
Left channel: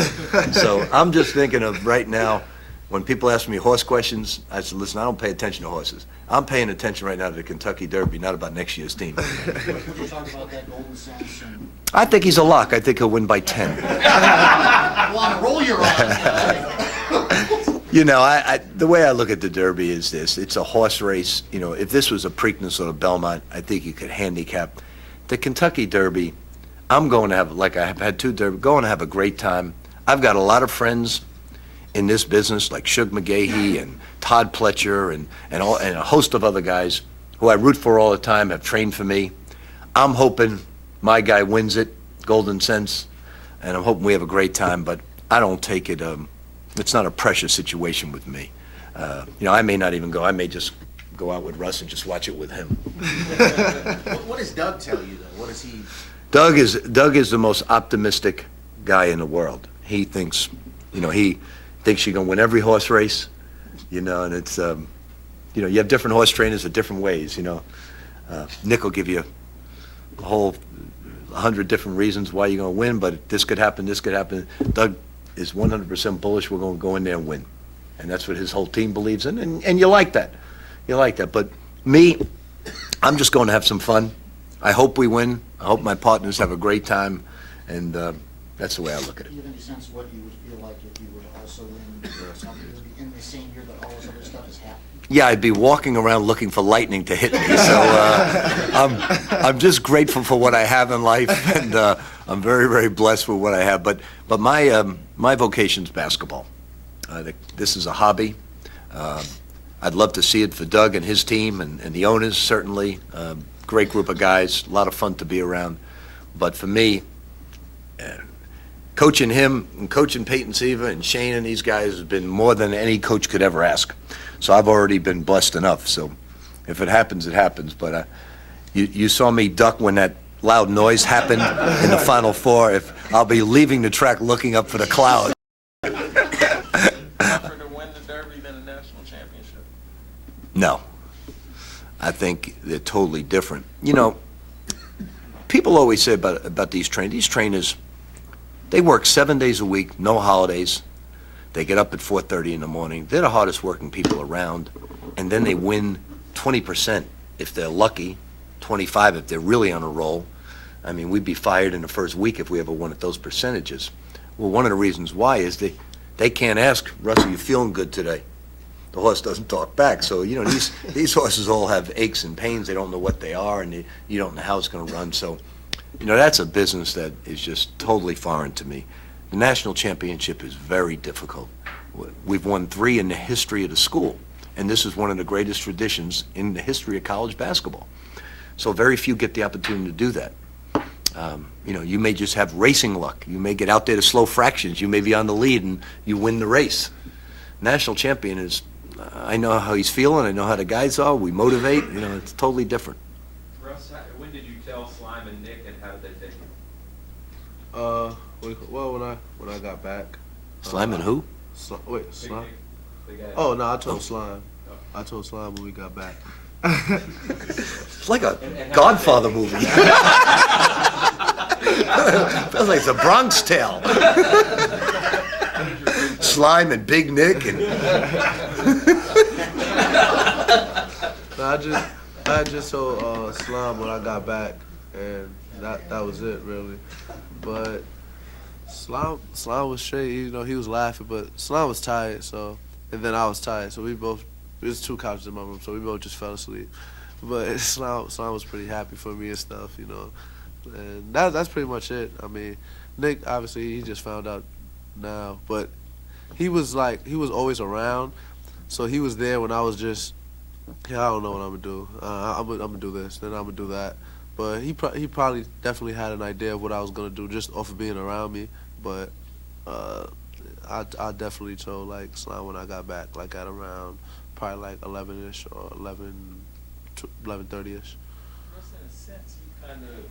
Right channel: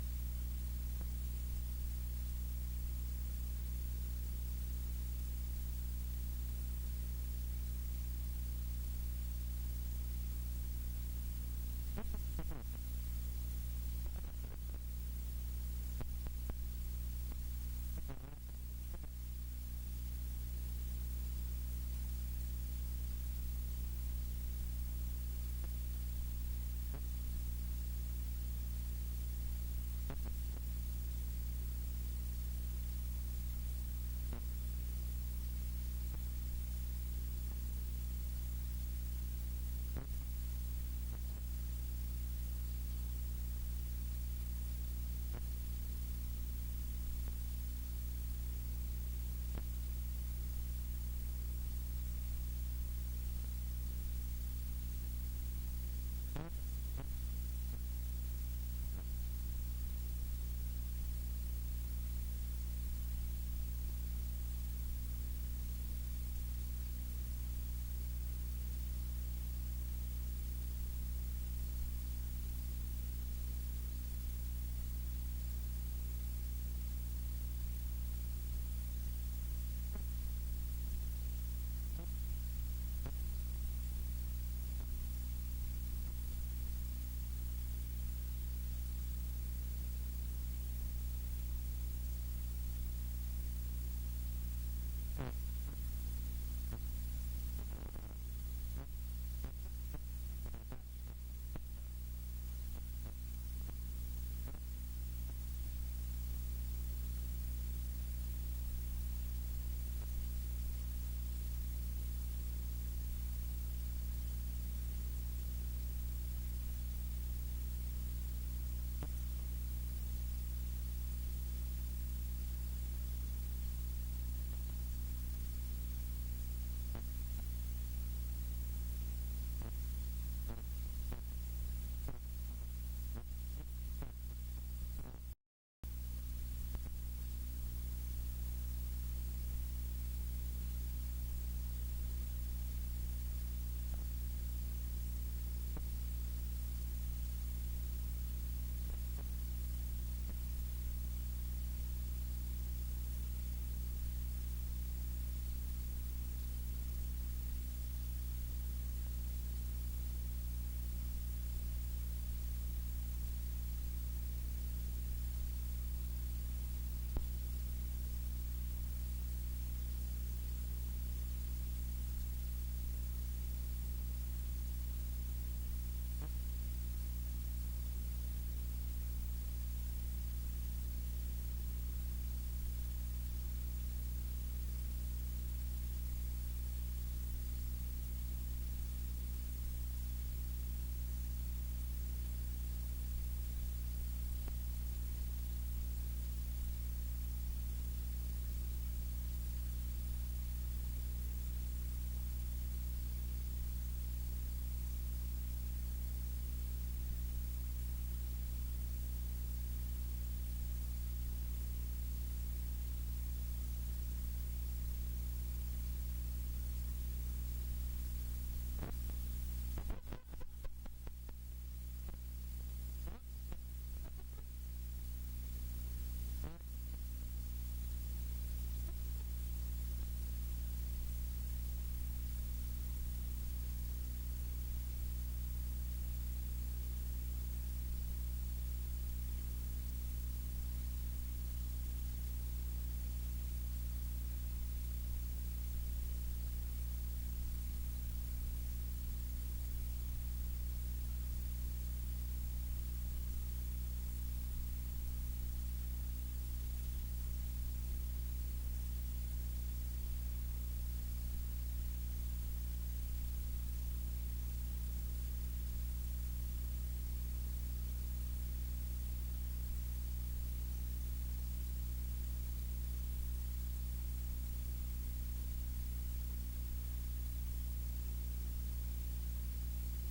So I'm just thinking of right now, when people ask me horse questions, I said, listen, I don't pay attention to horses. I'm paying attention right now to the Kentucky Derby, not about next year's team. Would you talk about that Golden Sense? I think he's a lock. I think he'll win by 10. Well, on a roll you're on. The way I look at the Derby is this. It's a horse race. If this was a Preakness or a Belmont, I think you could handicap. The Kentucky Derby, I'm going to have, like I have had 2 Derby, going to have a great time. I've got a lot of friends in this business, like Shug McGahee and Todd Pletcher and a host of other guys who I root for all the time, have trained for me. I'm hoping my guy wins it, Golden Sense, and I'm hoping we have a great time, but I don't take it, it's not a pressure situation with me. I may not even go. I may just go out with Russ and just watch it with him. What does Doug tell you, though? What does he... Doug is the most optimistic guy in the world. He thinks, he thinks you're going to win every horse race, and it's, you have different horse trainers in different ways, Nick will give you a whole 100 different reasons why you're going to win, but this could happen, this could happen. Doug is 100% bullish we're going to go in there and win. And that's what his whole team believes in, and you like that. You like that. But me, I'm just going to have some fun. I hope we win. I hope my partners have a great time, and that's the way I look at it. Do you have any sense what you would feel like if you would also win something in the same year that all this other stuff is happening? Yeah, I'd be walking around looking for lightning to hit me. So I'm just grateful for what I have in life, and I'm very, very blessed with what I have. But my vocation's basketball. This is a hobby. I'd love to see it for Doug and his team and the owners, certainly. Great group of guys, a lot of fun to be around. But for me, coaching him and coaching Peyton Siva and Shane and these guys has been more than any coach could ever ask. So I've already been blessed enough. So if it happens, it happens. But you saw me duck when that loud noise happened in the Final Four. If I'll be leaving the track looking up for the cloud. Tougher to win the Derby than a national championship. No. I think they're totally different. You know, people always say about these trainers, they work 7 days a week, no holidays. They get up at 4:30 in the morning. They're the hardest working people around. And then they win 20% if they're lucky, 25 if they're really on a roll. I mean, we'd be fired in the first week if we ever won at those percentages. Well, one of the reasons why is they can't ask, Russell, you feeling good today? The horse doesn't talk back. So, you know, these horses all have aches and pains. They don't know what they are, and you don't know how it's going to run. So, you know, that's a business that is just totally foreign to me. The national championship is very difficult. We've won 3 in the history of the school, and this is one of the greatest traditions in the history of college basketball. So very few get the opportunity to do that. You know, you may just have racing luck. You may get out there to slow fractions. You may be on the lead, and you win the race. National champion is, I know how he's feeling. I know how the guys are. We motivate. You know, it's totally different. Russ, when did you tell Slime and Nick, and how did they take it? Well, when I got back. Slime and who? Wait, Slime? The guy- Oh no, I told Slime. I told Slime when we got back. It's like a Godfather movie. Feels like it's a Bronx Tale. Slime and Big Nick and. No, I just told Slime when I got back, and that was it really. But Slime was straight. You know, he was laughing, but Slime was tired. So, and then I was tired. So we both. There's 2 couches in my room, so we both just fell asleep. But Slime was pretty happy for me and stuff, you know. And that's pretty much it. I mean, Nick obviously he just found out now, but he was always around, so he was there when I was just, I don't know what I'm gonna do. I'm gonna do this, then I'm gonna do that. But he probably definitely had an idea of what I was gonna do just off of being around me. But I definitely told like Slime when I got back, like at around probably like 11ish or 11:30ish. Russ, in a sense, you kind of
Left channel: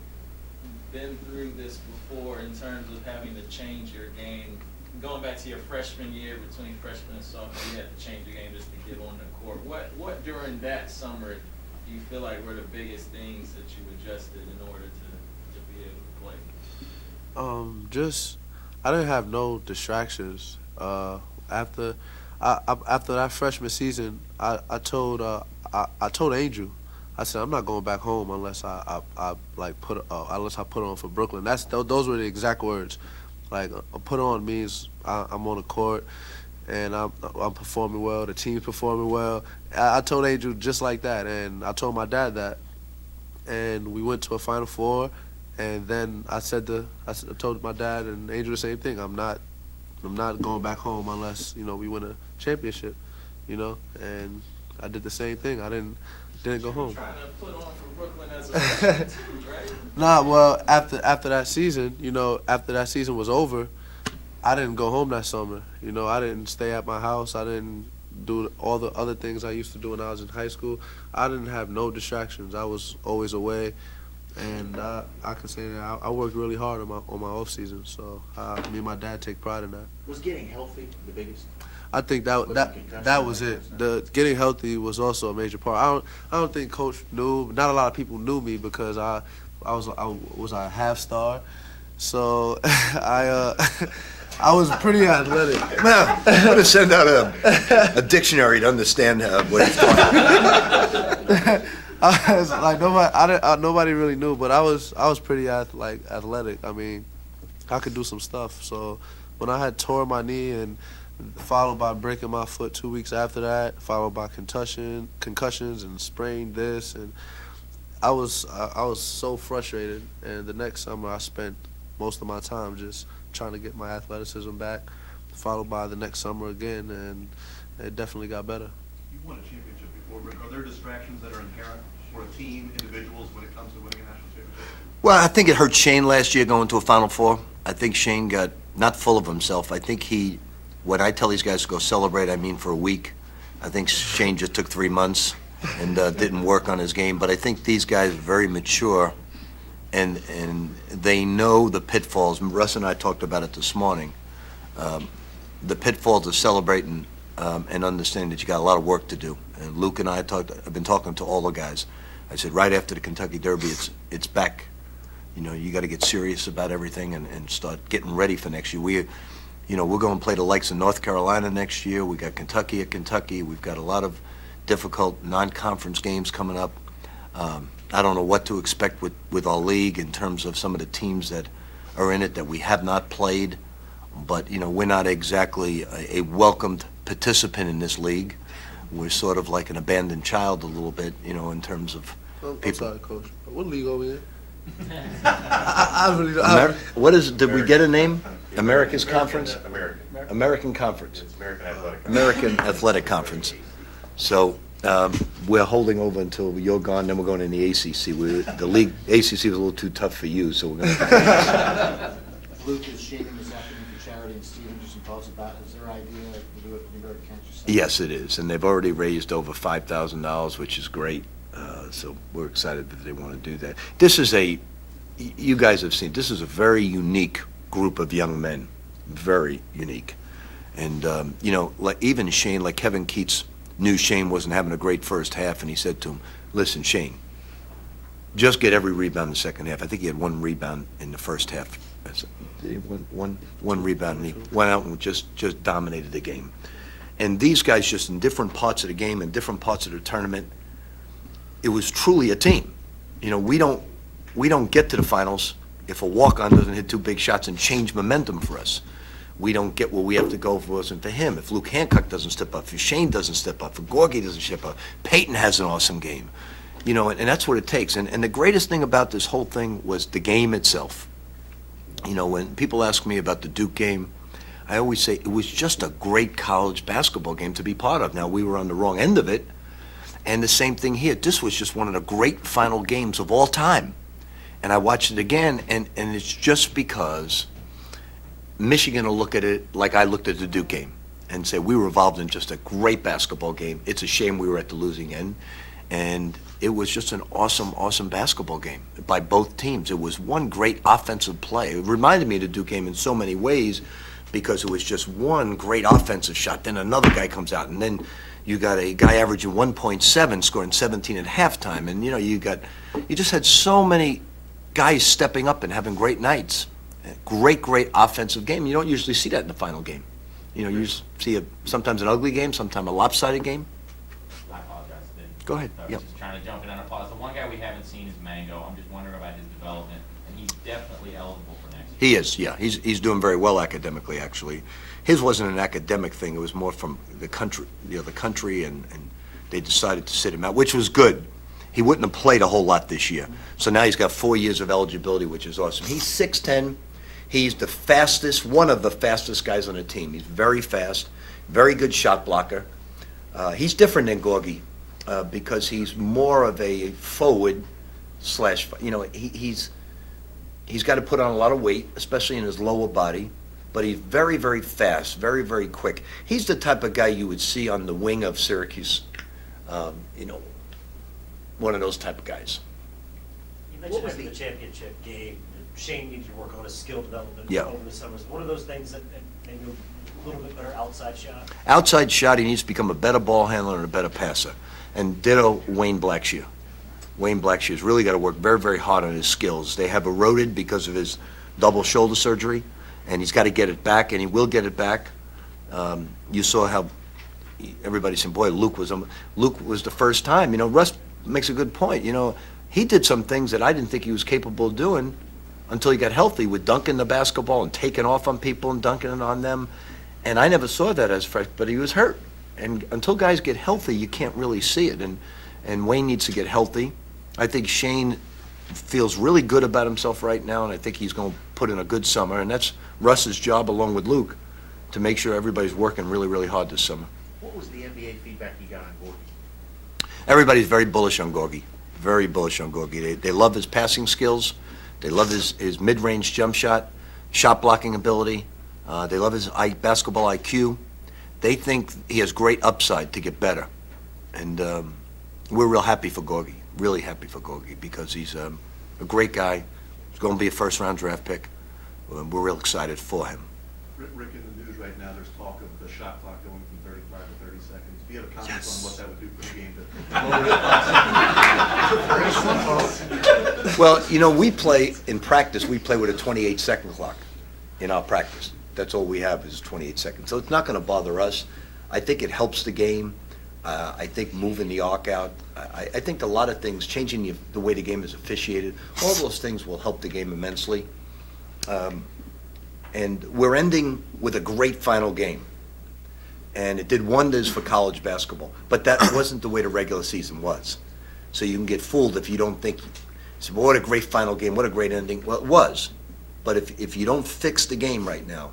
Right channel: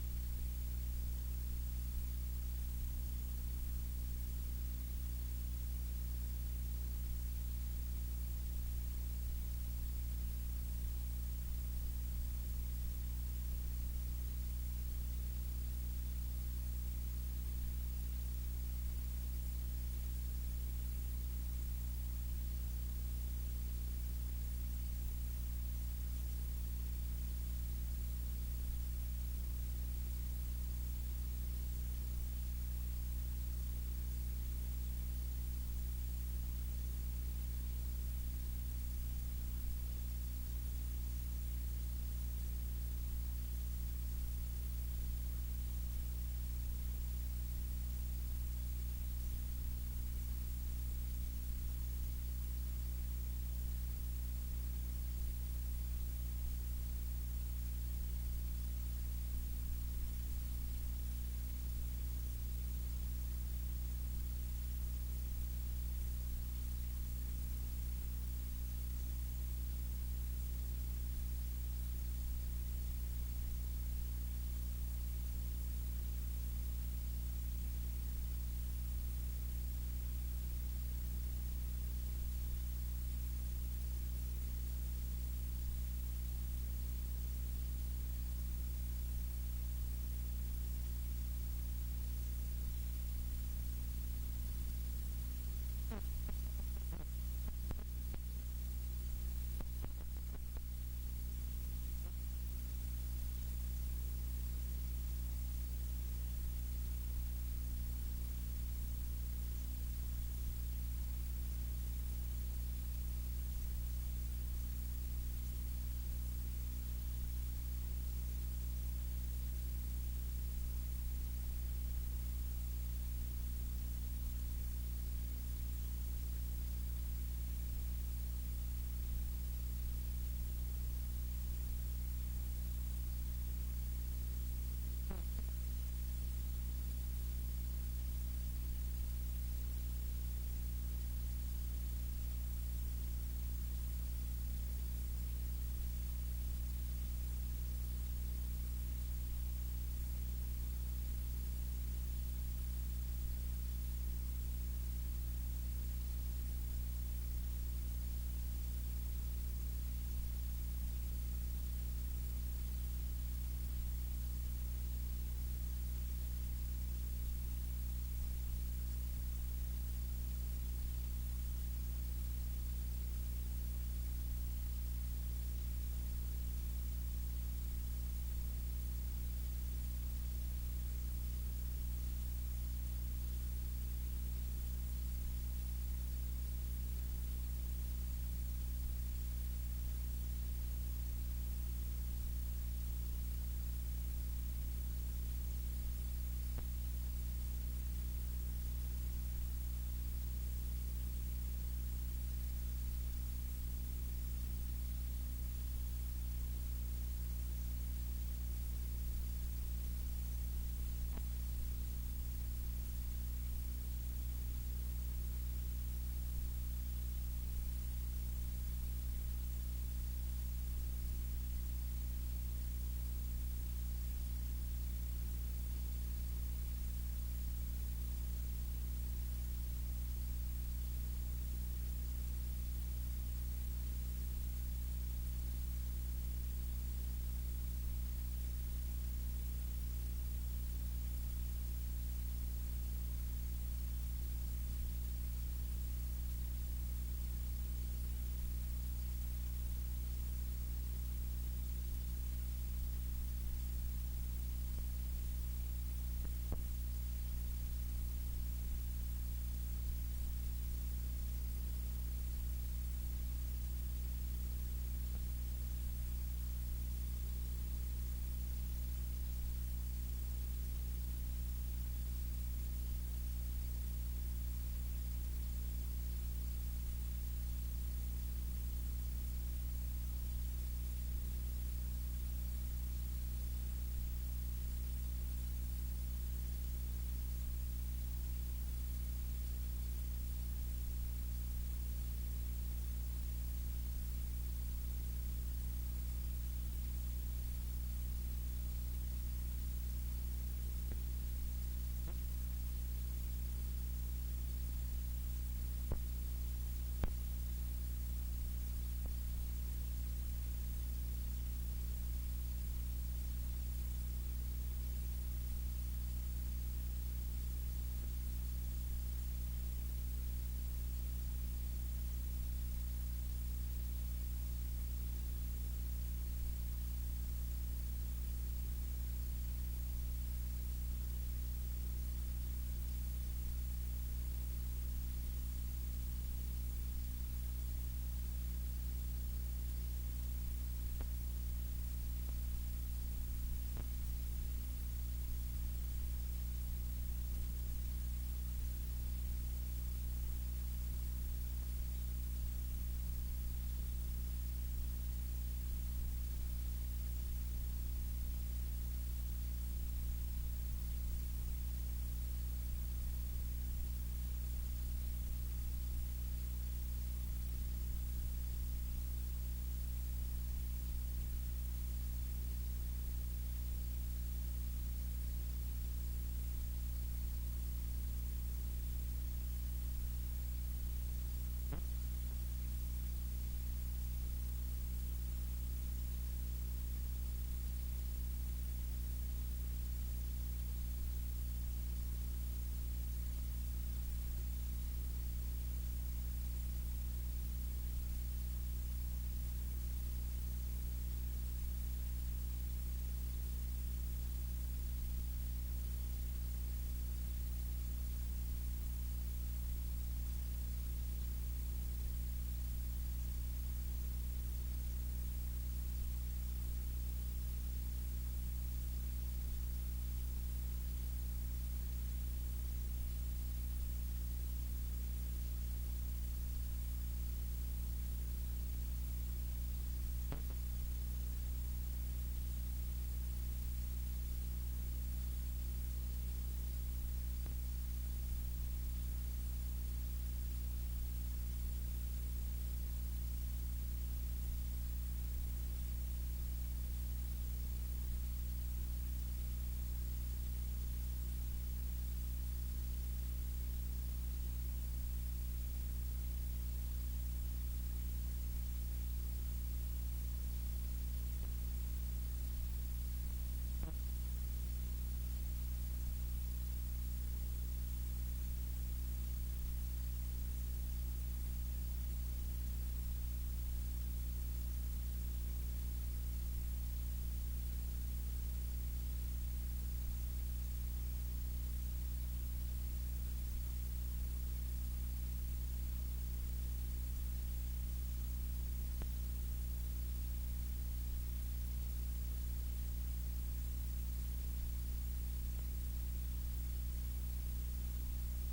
been through this before in terms of having to change your game. Going back to your freshman year, between freshman and sophomore, you had to change your game just to get on the court. What during that summer do you feel like were the biggest things that you adjusted in order to be able to play? I didn't have no distractions. After that freshman season, I told Angel, I said I'm not going back home unless I put on for Brooklyn. Those were the exact words. Like put on means I'm on the court and I'm performing well. The team's performing well. I told Angel just like that, and I told my dad that, and we went to a Final Four. And then I told my dad and Angel the same thing. I'm not going back home unless, you know, we win a championship, you know. And I did the same thing. I didn't go home. Trying to put on for Brooklyn as a freshman too, right? Nah, well, after that season, you know, after that season was over, I didn't go home that summer. You know, I didn't stay at my house. I didn't do all the other things I used to do when I was in high school. I didn't have no distractions. I was always away. And I can say that I worked really hard on my off season, so me and my dad take pride in that. Was getting healthy the biggest? I think that was it. The getting healthy was also a major part. I don't think Coach knew. Not a lot of people knew me because I was a half star, so I was pretty athletic. Man, I'm going to send out a dictionary to understand what he's talking. I was like nobody really knew, but I was pretty athletic. I mean, I could do some stuff. So when I had tore my knee and followed by breaking my foot 2 weeks after that, followed by concussions and sprained this, and I was so frustrated. And the next summer I spent most of my time just trying to get my athleticism back, followed by the next summer again, and it definitely got better. You won a championship before, Rick. Are there distractions that are inherent for a team, individuals, when it comes to winning a national championship? Well, I think it hurt Shane last year going to a Final Four. I think Shane got not full of himself. I think when I tell these guys to go celebrate, I mean for a week. I think Shane just took 3 months and didn't work on his game. But I think these guys are very mature, and they know the pitfalls. Russ and I talked about it this morning. The pitfalls of celebrating and understanding that you got a lot of work to do. And Luke and I I've been talking to all the guys. I said, right after the Kentucky Derby, it's back. You got to get serious about everything and start getting ready for next year. We're going to play the likes of North Carolina next year. We got Kentucky at Kentucky. We've got a lot of difficult non-conference games coming up. I don't know what to expect with our league in terms of some of the teams that are in it that we have not played. But, we're not exactly a welcomed participant in this league. We're sort of like an abandoned child a little bit, in terms of I'm people. sorry, Coach. What league are we in? I really don't. What is it? Did we get a name? America's Conference? American. American Conference. It's American Athletic. American Athletic Conference. So we're holding over until you're gone, then we're going in the ACC. The league, ACC was a little too tough for you, so we're going to. Luke is shaving this afternoon for charity, and Steven, just some thoughts about, is there idea to do it for New York Cancer Center? Yes, it is, and they've already raised over $5,000, which is great. So we're excited that they want to do that. This is you guys have seen, this is a very unique group of young men, very unique. And, like even Shane, like Kevin Keats knew Shane wasn't having a great first half, and he said to him, listen, Shane, just get every rebound in the second half. I think he had 1 rebound in the first half. One rebound, and he went out and just dominated the game. And these guys just in different parts of the game and different parts of the tournament, it was truly a team. We don't get to the finals if a walk-on doesn't hit 2 big shots and change momentum for us. We don't get where we have to go if it wasn't for him. If Luke Hancock doesn't step up, if Shane doesn't step up, if Gorgie doesn't step up, Peyton has an awesome game. And that's what it takes. And the greatest thing about this whole thing was the game itself. When people ask me about the Duke game, I always say it was just a great college basketball game to be part of. Now, we were on the wrong end of it. And the same thing here. This was just one of the great final games of all time. And I watched it again, and it's just because Michigan will look at it like I looked at the Duke game and say we were involved in just a great basketball game. It's a shame we were at the losing end. And it was just an awesome, awesome basketball game by both teams. It was one great offensive play. It reminded me of the Duke game in so many ways because it was just one great offensive shot. Then another guy comes out, and then you got a guy averaging 1.7, scoring 17 at halftime. And, you just had so many guys stepping up and having great nights. Great offensive game. You don't usually see that in the final game. You see sometimes an ugly game, sometimes a lopsided game. I apologize. Go ahead. I was Yep. just trying to jump in on a pause. The one guy we haven't seen is Mango. I'm just wondering about his development, and he's definitely eligible for next year. He is, yeah. He's doing very well academically, actually. His wasn't an academic thing. It was more from the country, and they decided to sit him out, which was good. He wouldn't have played a whole lot this year. So now he's got 4 years of eligibility, which is awesome. He's 6'10". He's the fastest, one of the fastest guys on the team. He's very fast, very good shot blocker. He's different than Gorgie because he's more of a forward slash, he's got to put on a lot of weight, especially in his lower body. But he's very, very fast, very, very quick. He's the type of guy you would see on the wing of Syracuse, one of those type of guys. You mentioned after the championship game, Shane needs to work on his skill development Yeah. over the summers. What are those things that maybe a little bit better outside shot? Outside shot, he needs to become a better ball handler and a better passer. And ditto Wayne Blackshear. Wayne Blackshear's really got to work very, very hard on his skills. They have eroded because of his double shoulder surgery, and he's got to get it back, and he will get it back. You saw how everybody said, boy, Luke was the first time. Russ makes a good point. He did some things that I didn't think he was capable of doing until he got healthy, with dunking the basketball and taking off on people and dunking it on them. And I never saw that as fresh, but he was hurt. And until guys get healthy, you can't really see it. And Wayne needs to get healthy. I think Shane feels really good about himself right now, and I think he's going to put in a good summer. And that's Russ's job, along with Luke, to make sure everybody's working really, really hard this summer. What was the NBA feedback you got on Gorgie? Everybody's very bullish on Gorgie. Very bullish on Gorgie. They love his passing skills. They love his mid-range jump shot blocking ability. They love his basketball IQ. They think he has great upside to get better. And we're real happy for Gorgie, really happy for Gorgie, because he's a great guy. He's going to be a first-round draft pick. We're real excited for him. Rick, in the news right now, there's talk of the shot clock going from 35 to 30 seconds. Do you have a comment on what that would do for the game to Well, you know, we play, in practice, we play with a 28-second clock in our practice. That's all we have is 28 seconds. So it's not going to bother us. I think it helps the game. I think moving the arc out. I think a lot of things, changing the way the game is officiated, all those things will help the game immensely. And we're ending with a great final game. And it did wonders for college basketball. But that wasn't the way the regular season was. So you can get fooled if you don't think, so what a great final game, what a great ending. Well, it was. But if you don't fix the game right now,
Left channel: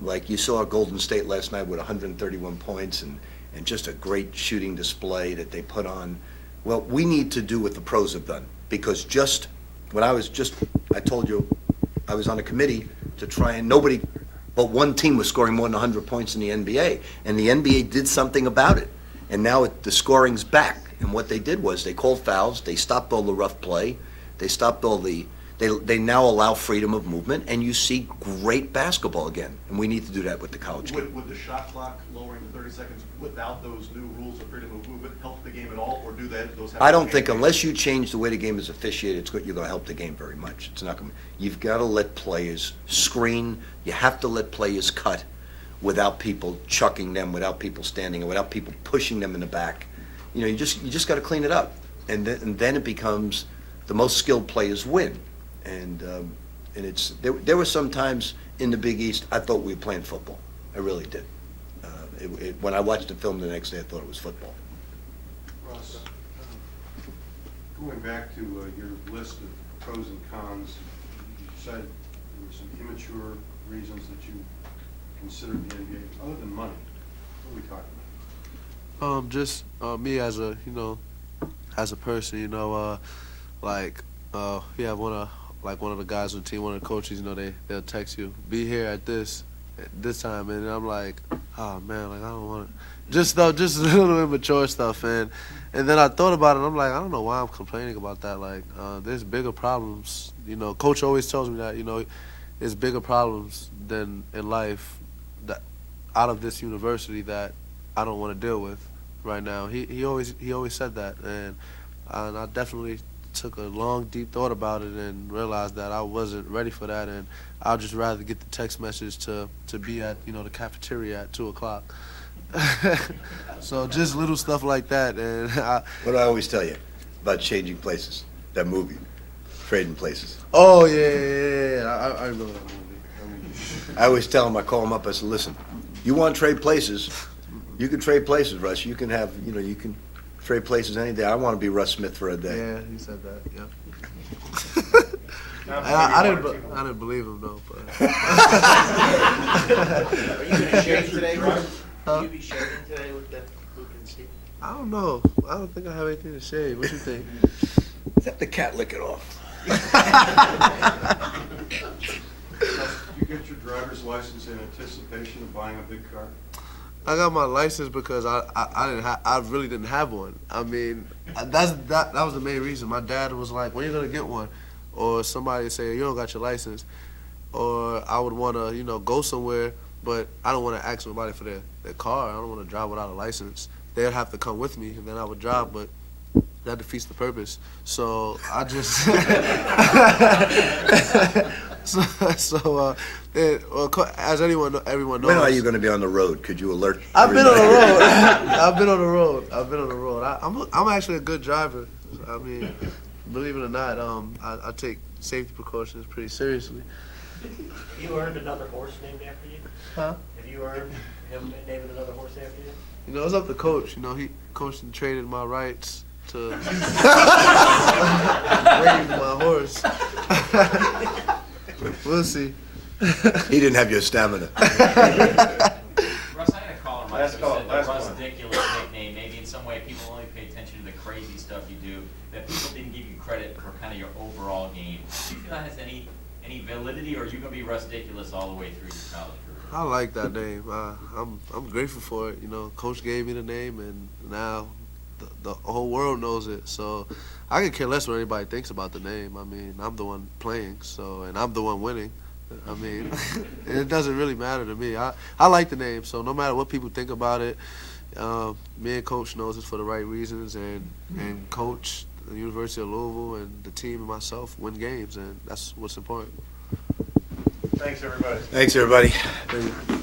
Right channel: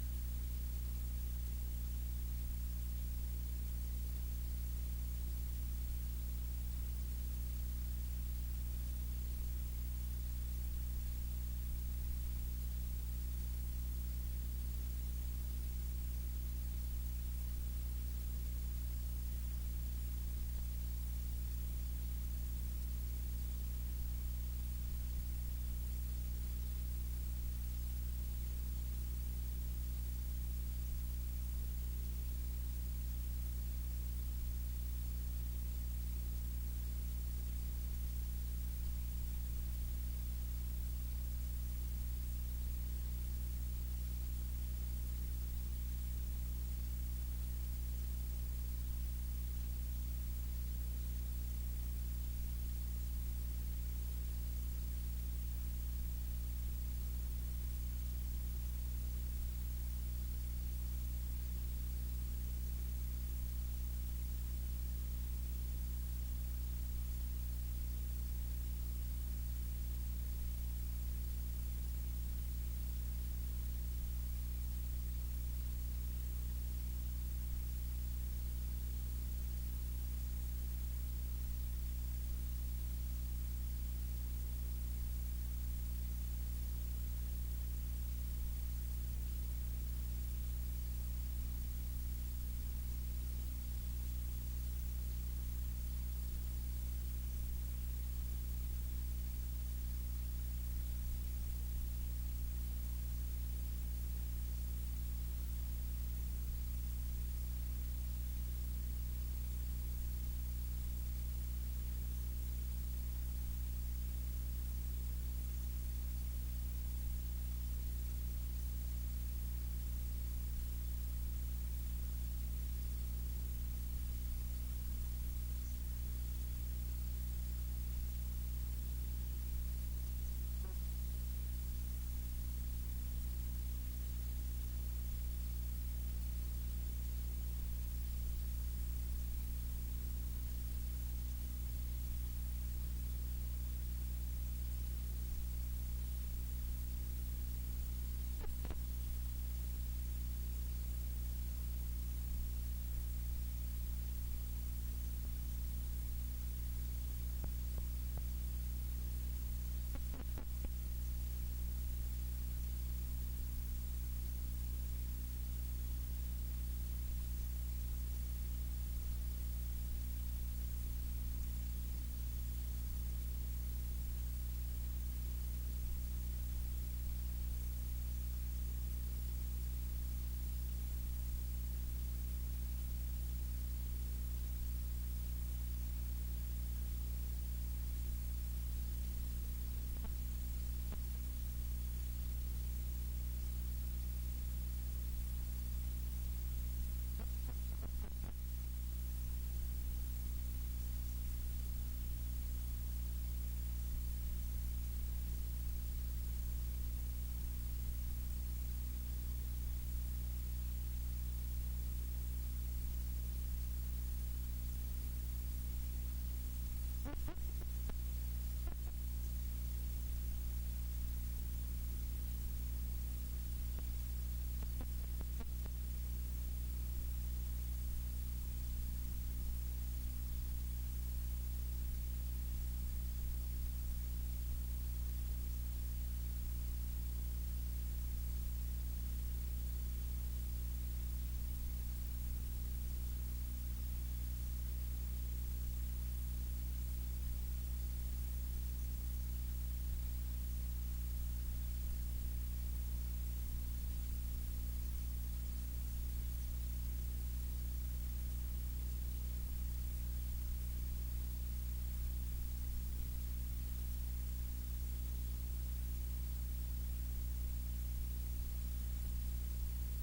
like you saw Golden State last night with 131 points and just a great shooting display that they put on, well, we need to do what the pros have done. Because I told you, I was on a committee to try, and nobody but one team was scoring more than 100 points in the NBA. And the NBA did something about it. And now the scoring's back. And what they did was they called fouls, they stopped all the rough play, they stopped all they now allow freedom of movement, and you see great basketball again. And we need to do that with the college game. Would the shot clock lowering to 30 seconds without those new rules of freedom of movement help the game at all, or do those have? I don't think unless you change the way the game is officiated, you're going to help the game very much. It's not going. You've got to let players screen. You have to let players cut without people chucking them, without people standing, and without people pushing them in the back. You know, you just got to clean it up, and then it becomes the most skilled players win. And it's there were some times in the Big East I thought we were playing football. I really did. When I watched the film the next day, I thought it was football. Russ, going back to your list of pros and cons, you said there were some immature reasons that you considered the NBA. Other than money, what are we talking about? Just me as a as a person, yeah, one of the guys on the team, one of the coaches, they'll text you, be here at this time, and I'm like, oh man, like I don't want to. Just a little immature stuff, and then I thought about it, and I'm like, I don't know why I'm complaining about that. Like, there's bigger problems. Coach always tells me that, there's bigger problems than in life that out of this university that I don't want to deal with right now. He always said that, and I definitely took a long, deep thought about it and realized that I wasn't ready for that, and I'd just rather get the text message to be at the cafeteria at 2:00. So just little stuff like that, and What do I always tell you about changing places? That movie, Trading Places. Oh yeah. I remember that movie. I always tell him, I call him up, I said, listen, you want to trade places, you can trade places, Russ. You can have, you can trade places any day. I want to be Russ Smith for a day. Yeah, he said that. Yeah. I didn't believe him though. But. Are you going to shave today, Russ? Will you be shaving today with that Luke and Steve? I don't know. I don't think I have anything to shave. What you think? Let the cat lick it off. You get your driver's license in anticipation of buying a big car? I got my license because I really didn't have one. I mean, that was the main reason. My dad was like, "When are you gonna get one?" Or somebody say, "You don't got your license," or I would want to go somewhere, but I don't want to ask somebody for their car. I don't want to drive without a license. They'd have to come with me, and then I would drive, but that defeats the purpose. So I just as everyone knows. When are you going to be on the road? Could you alert? I've been on the everybody? road. I've been on the road. I'm actually a good driver. I mean, believe it or not, I take safety precautions pretty seriously. Have you earned another horse named after you? Huh? Have you earned him naming another horse after you? It's up to coach. He coached and traded my rights to raise my horse. We'll see. He didn't have your stamina. Russ, I had a call in my Last call, said the last Russ one. ridiculous nickname. Maybe in some way people only pay attention to the crazy stuff you do, that people didn't give you credit for kind of your overall game. Do you feel that has any validity, or are you going to be Russ ridiculous all the way through your college career? I like that name. I'm grateful for it. You know, Coach gave me the name, and now the whole world knows it. So I could care less what anybody thinks about the name. I mean, I'm the one playing, so, and I'm the one winning. I mean, it doesn't really matter to me. I like the name, so no matter what people think about it, me and Coach knows it's for the right reasons, and Coach, the University of Louisville, and the team and myself win games, and that's what's important. Thanks, everybody. Thanks, everybody. Thank you.